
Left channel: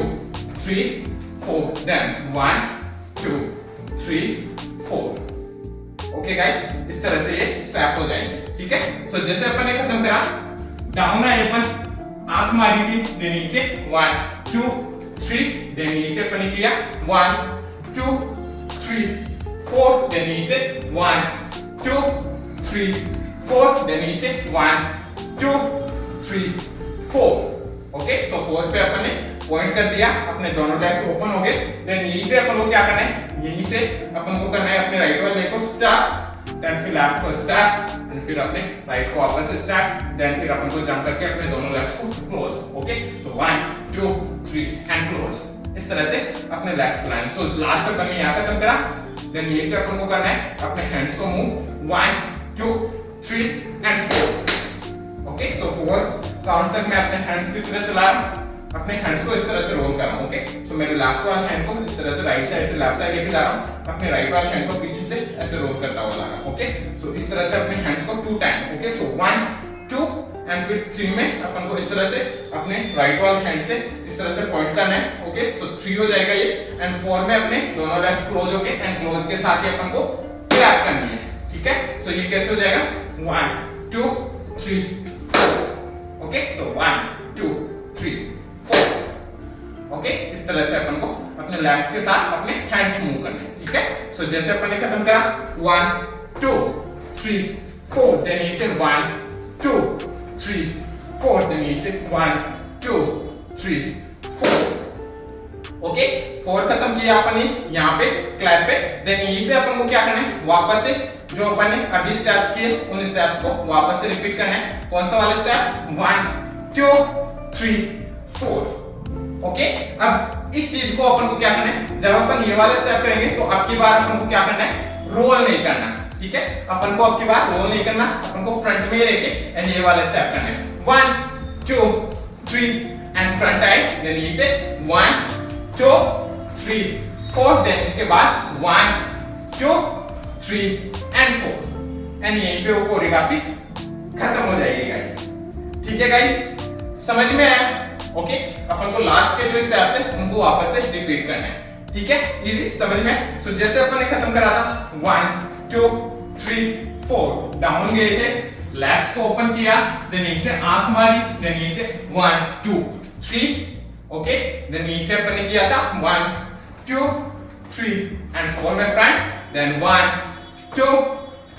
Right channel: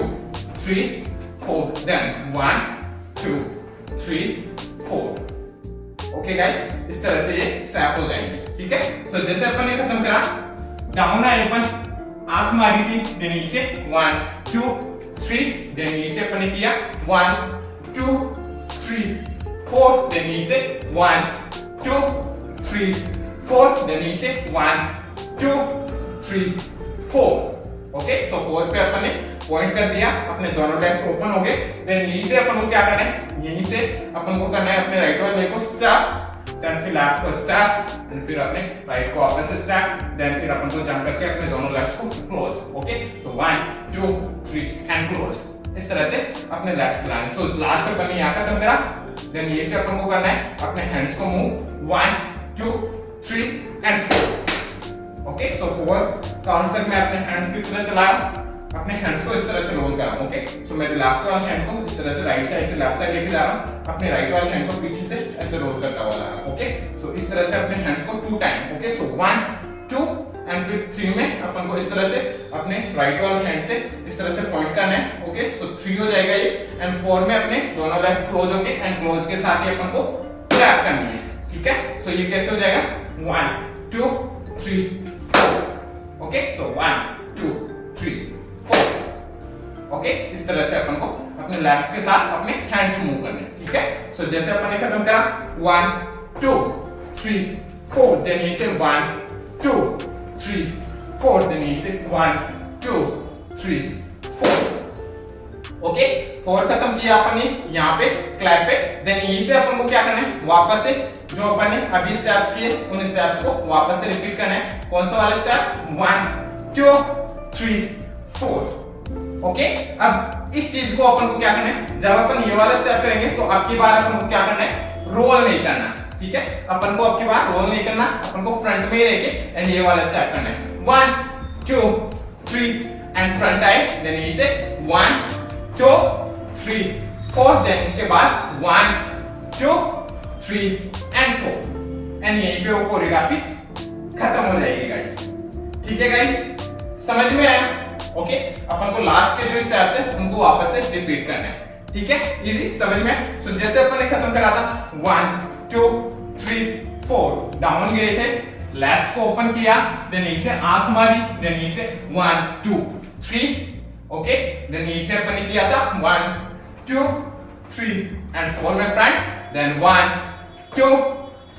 3 4, देन 1 2 3 4। ओके गाइस, इस तरह से ये स्टेप हो जाएंगे। ठीक है, सो जैसे अपन ने खत्म करा, डाउन आए अपन आंख मारी थी, देन इसे 1 2 3, देन इसे अपन ने किया 1 2 3 4, देन इसे 1 2 3 4, देन इसे 1 2 3 4। ओके, सो 4 पे अपन ने पॉइंट कर दिया, अपने दोनों लेग्स ओपन हो गए। देन यहीं से अपन को क्या करना है, यहीं से अपन को करना है अपने राइट वाले को स्टेप, देन फिर लेफ्ट को स्टेप, एंड फिर अपने राइट को वापस से स्टेप, देन फिर अपन को जंप करके अपने दोनों लेग्स को close. Okay, so 1 2 3 and close इस तरह से अपने लेग्स लाइन। सो लास्ट अपन ने यहाँ खत्म करा, देन ये से अपन को करना है अपने हैंड्स को move 1 2 3 and 4। Okay, so 4 count तक मैं अपने हैंड्स किस तरह चला रहा हूं, अपने हैंड्स को इस तरह से रोल कर रहा हूं। ओके, सो मेरे लेफ्ट वाले हैंड को इस तरह से राइट साइड से लेफ्ट साइड लेके जा रहा हूं, अपने राइट वाले हैंड को पीछे से ऐसे रोल करता हुआ ला रहा हूं। ओके, सो इस तरह से अपने हैंड्स को 2 टाइम। ओके, सो 1 2 एंड फिर 3 में अपन को इस तरह से अपने राइट वाले हैंड से इस तरह से पॉइंट करना है। ओके, सो 3 हो जाएगा ये, एंड 4 में अपने दोनों लेग्स क्लोज हो गए एंड क्लोज के साथ ही अपन को क्लैप करनी है। ठीक है, सो ये कैसे हो जाएगा, 1 2 3 4। ओके, सो 1 2 3 4। ओके, इस तरह से अपन को अपने लेग्स के साथ अपने हैंड्स मूव करने। ठीक है, सो जैसे अपन ने खत्म करा 1 2 3 4, देन ये से 1 2 3 4 देन यहीं से 1 2 3 4 ओके 4 खत्म किया अपन ने यहाँ पे क्लैप पे देन यहीं से अपन को क्या करना है वापस से जो अपन ने अभी स्टेप्स किए उन स्टेप्स को वापस से रिपीट करना है कौन सा वाला स्टेप 1 2 3 4 ओके अब इस चीज को अपन को क्या करना है जब अपन ये वाला स्टेप करेंगे तो अब की बार अपन को क्या करना है रोल नहीं करना ठीक है अपन को अब की बार रोल नहीं करना अपन को फ्रंट में ही रह के एंड ये वाला स्टेप करना है 1 2 3 एंड फ्रंट आए देन यहीं से 1 2 3 4 देन इसके बाद 1 2 3 एंड 4 एंड यहीं पे वो कोरियोग्राफी खत्म हो जाएगी गाइस ठीक है गाइस समझ में आया ओके अपन को लास्ट के जो स्टेप्स है उनको वापस से रिपीट करना है ठीक है इजी समझ में सो जैसे अपन ने खत्म करा था 1 2 3 4 डाउन गए थे लेग्स को ओपन किया देन यहीं से आंख मारी देन यहीं से 1 2 3 ओके देन यहीं से अपन ने किया था 1 2 3 एंड 4 में front then 1 2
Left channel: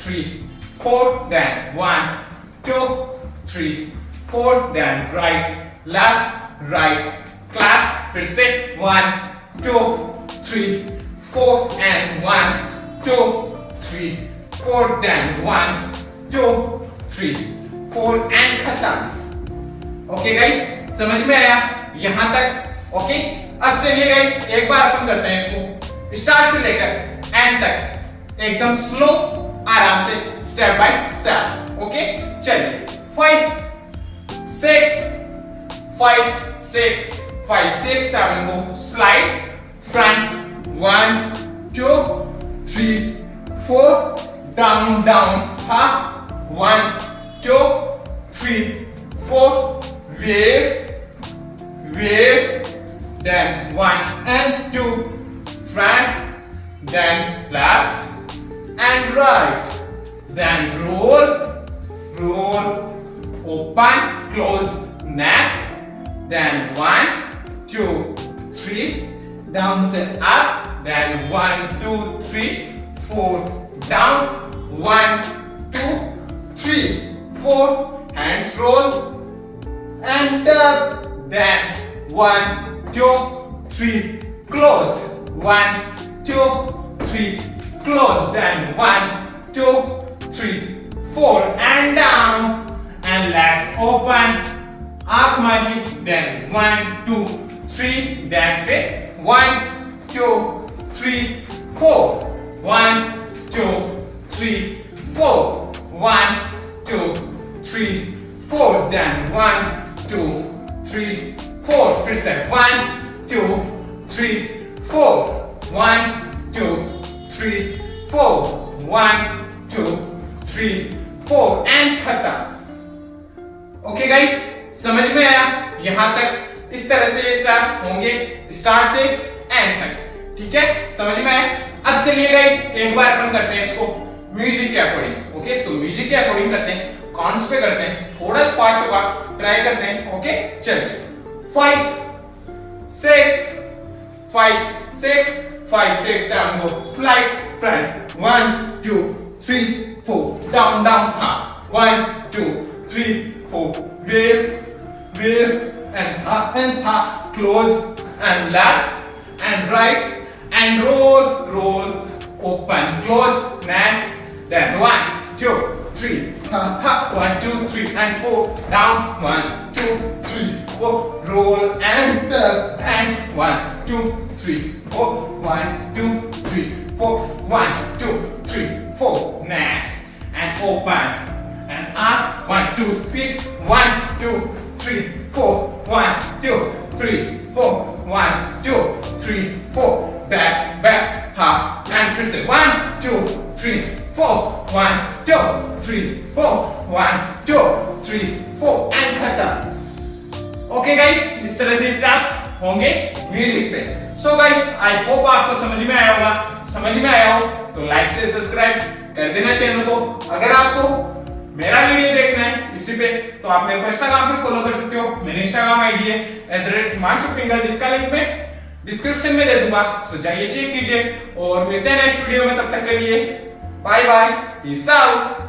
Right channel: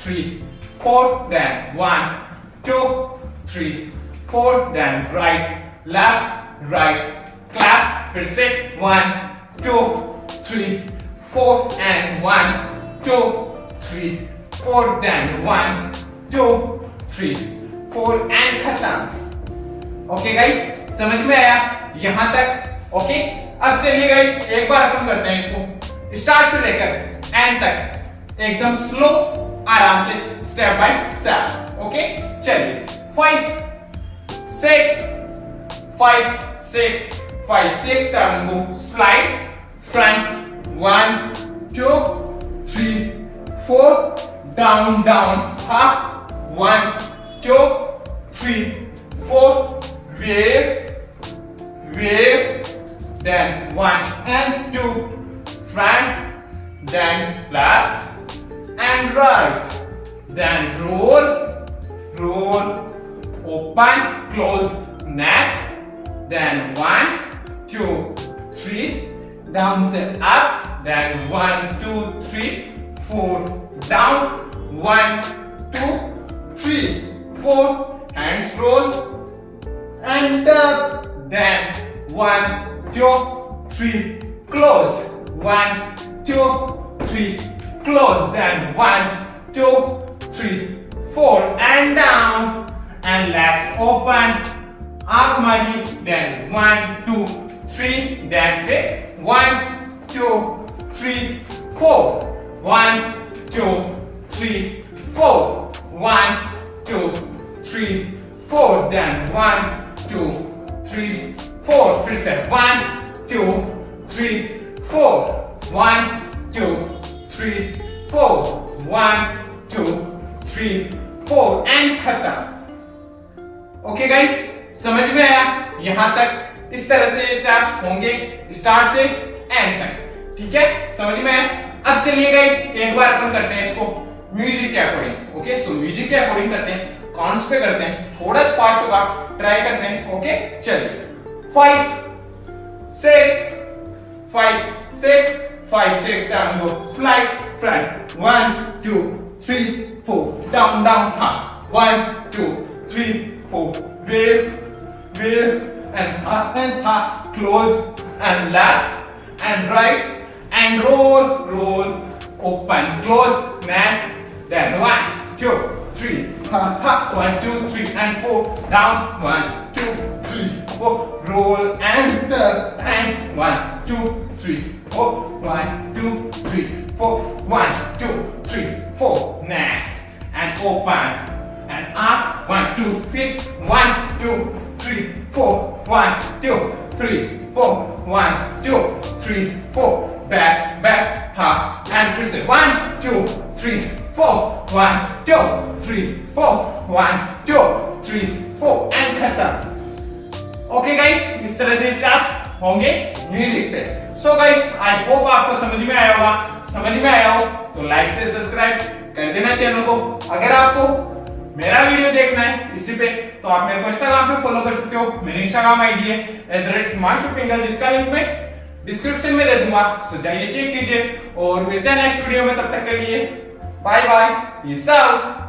3 4 then 1 2 3 4 then right left right clap फिर से 1 2 3 4 एंड 1 2 3 4 देन 1 2 3 4 एंड खत्म ओके गाइस समझ में आया यहां तक ओके अब चलिए गाइस एक बार अपन करते हैं इसको स्टार्ट से लेकर एंड तक एकदम स्लो आराम से स्टेप बाय स्टेप ओके चलिए 5 6 5 6 5 6 7 go slide front 1 2 3 4 down down up 1 2 3 4 wave then 1 and 2 front then left and right then roll open close neck then 1 2 3 down and up then 1 2 3 4 down 1 2 3 4 hands roll and up then 1 2 3 close 1 2 3 close then 1 2 3 4 and down and legs open arc mari then 1 2 3 then fit 1 2 3 4 1 2 3 4 1 2 3 4 then 1 2 3 4 फिर से 1 2 3 4 1 2 3 4 1 2 3 4 and खत्म okay guys समझ में आया यहां तक इस तरह से ये स्टेप्स होंगे स्टार्ट से एंड तक ठीक है समझ में आया अब चलिए गाइस एक बार अपन करते हैं इसको म्यूजिक के अकॉर्डिंग ओके सो म्यूजिक के अकॉर्डिंग करते हैं काउंट्स पे करते हैं थोड़ा फास्ट होगा ट्राई करते हैं ओके चलिए 5 6 5 6 5 6 7 go slide front 1 2 3 4 down down up 1 2 3 4 wave and up close and left and right and roll open close neck then 1 2 3 up 1 2 3 and 4 down 1 2 3 4 roll and up and 1 2 3 4 1 2 3 4 1 2 3 4 neck and open and up 1 2 3 1 2 3 4 1 2 3 4 1 2 3 4 back up and फिर से 1 2 3 4 1 2 3 4 1 2 3 4 and खत्म okay guys इस तरह से steps होंगे music पे so guys I hope आपको समझ में आया होगा समझ में आया हो तो लाइक से सब्सक्राइब कर देना चैनल को अगर आपको मेरा वीडियो देखना है इसी पे तो आप मेरे को इंस्टाग्राम पे फॉलो कर सकते हो मेरी इंस्टाग्राम आईडी है @himanshu जिसका लिंक मैं डिस्क्रिप्शन में दे दूंगा सो जाइए चेक कीजिए और मिलते हैं नेक्स्ट वीडियो में तब तक के लिए बाय बाय पीस आउट।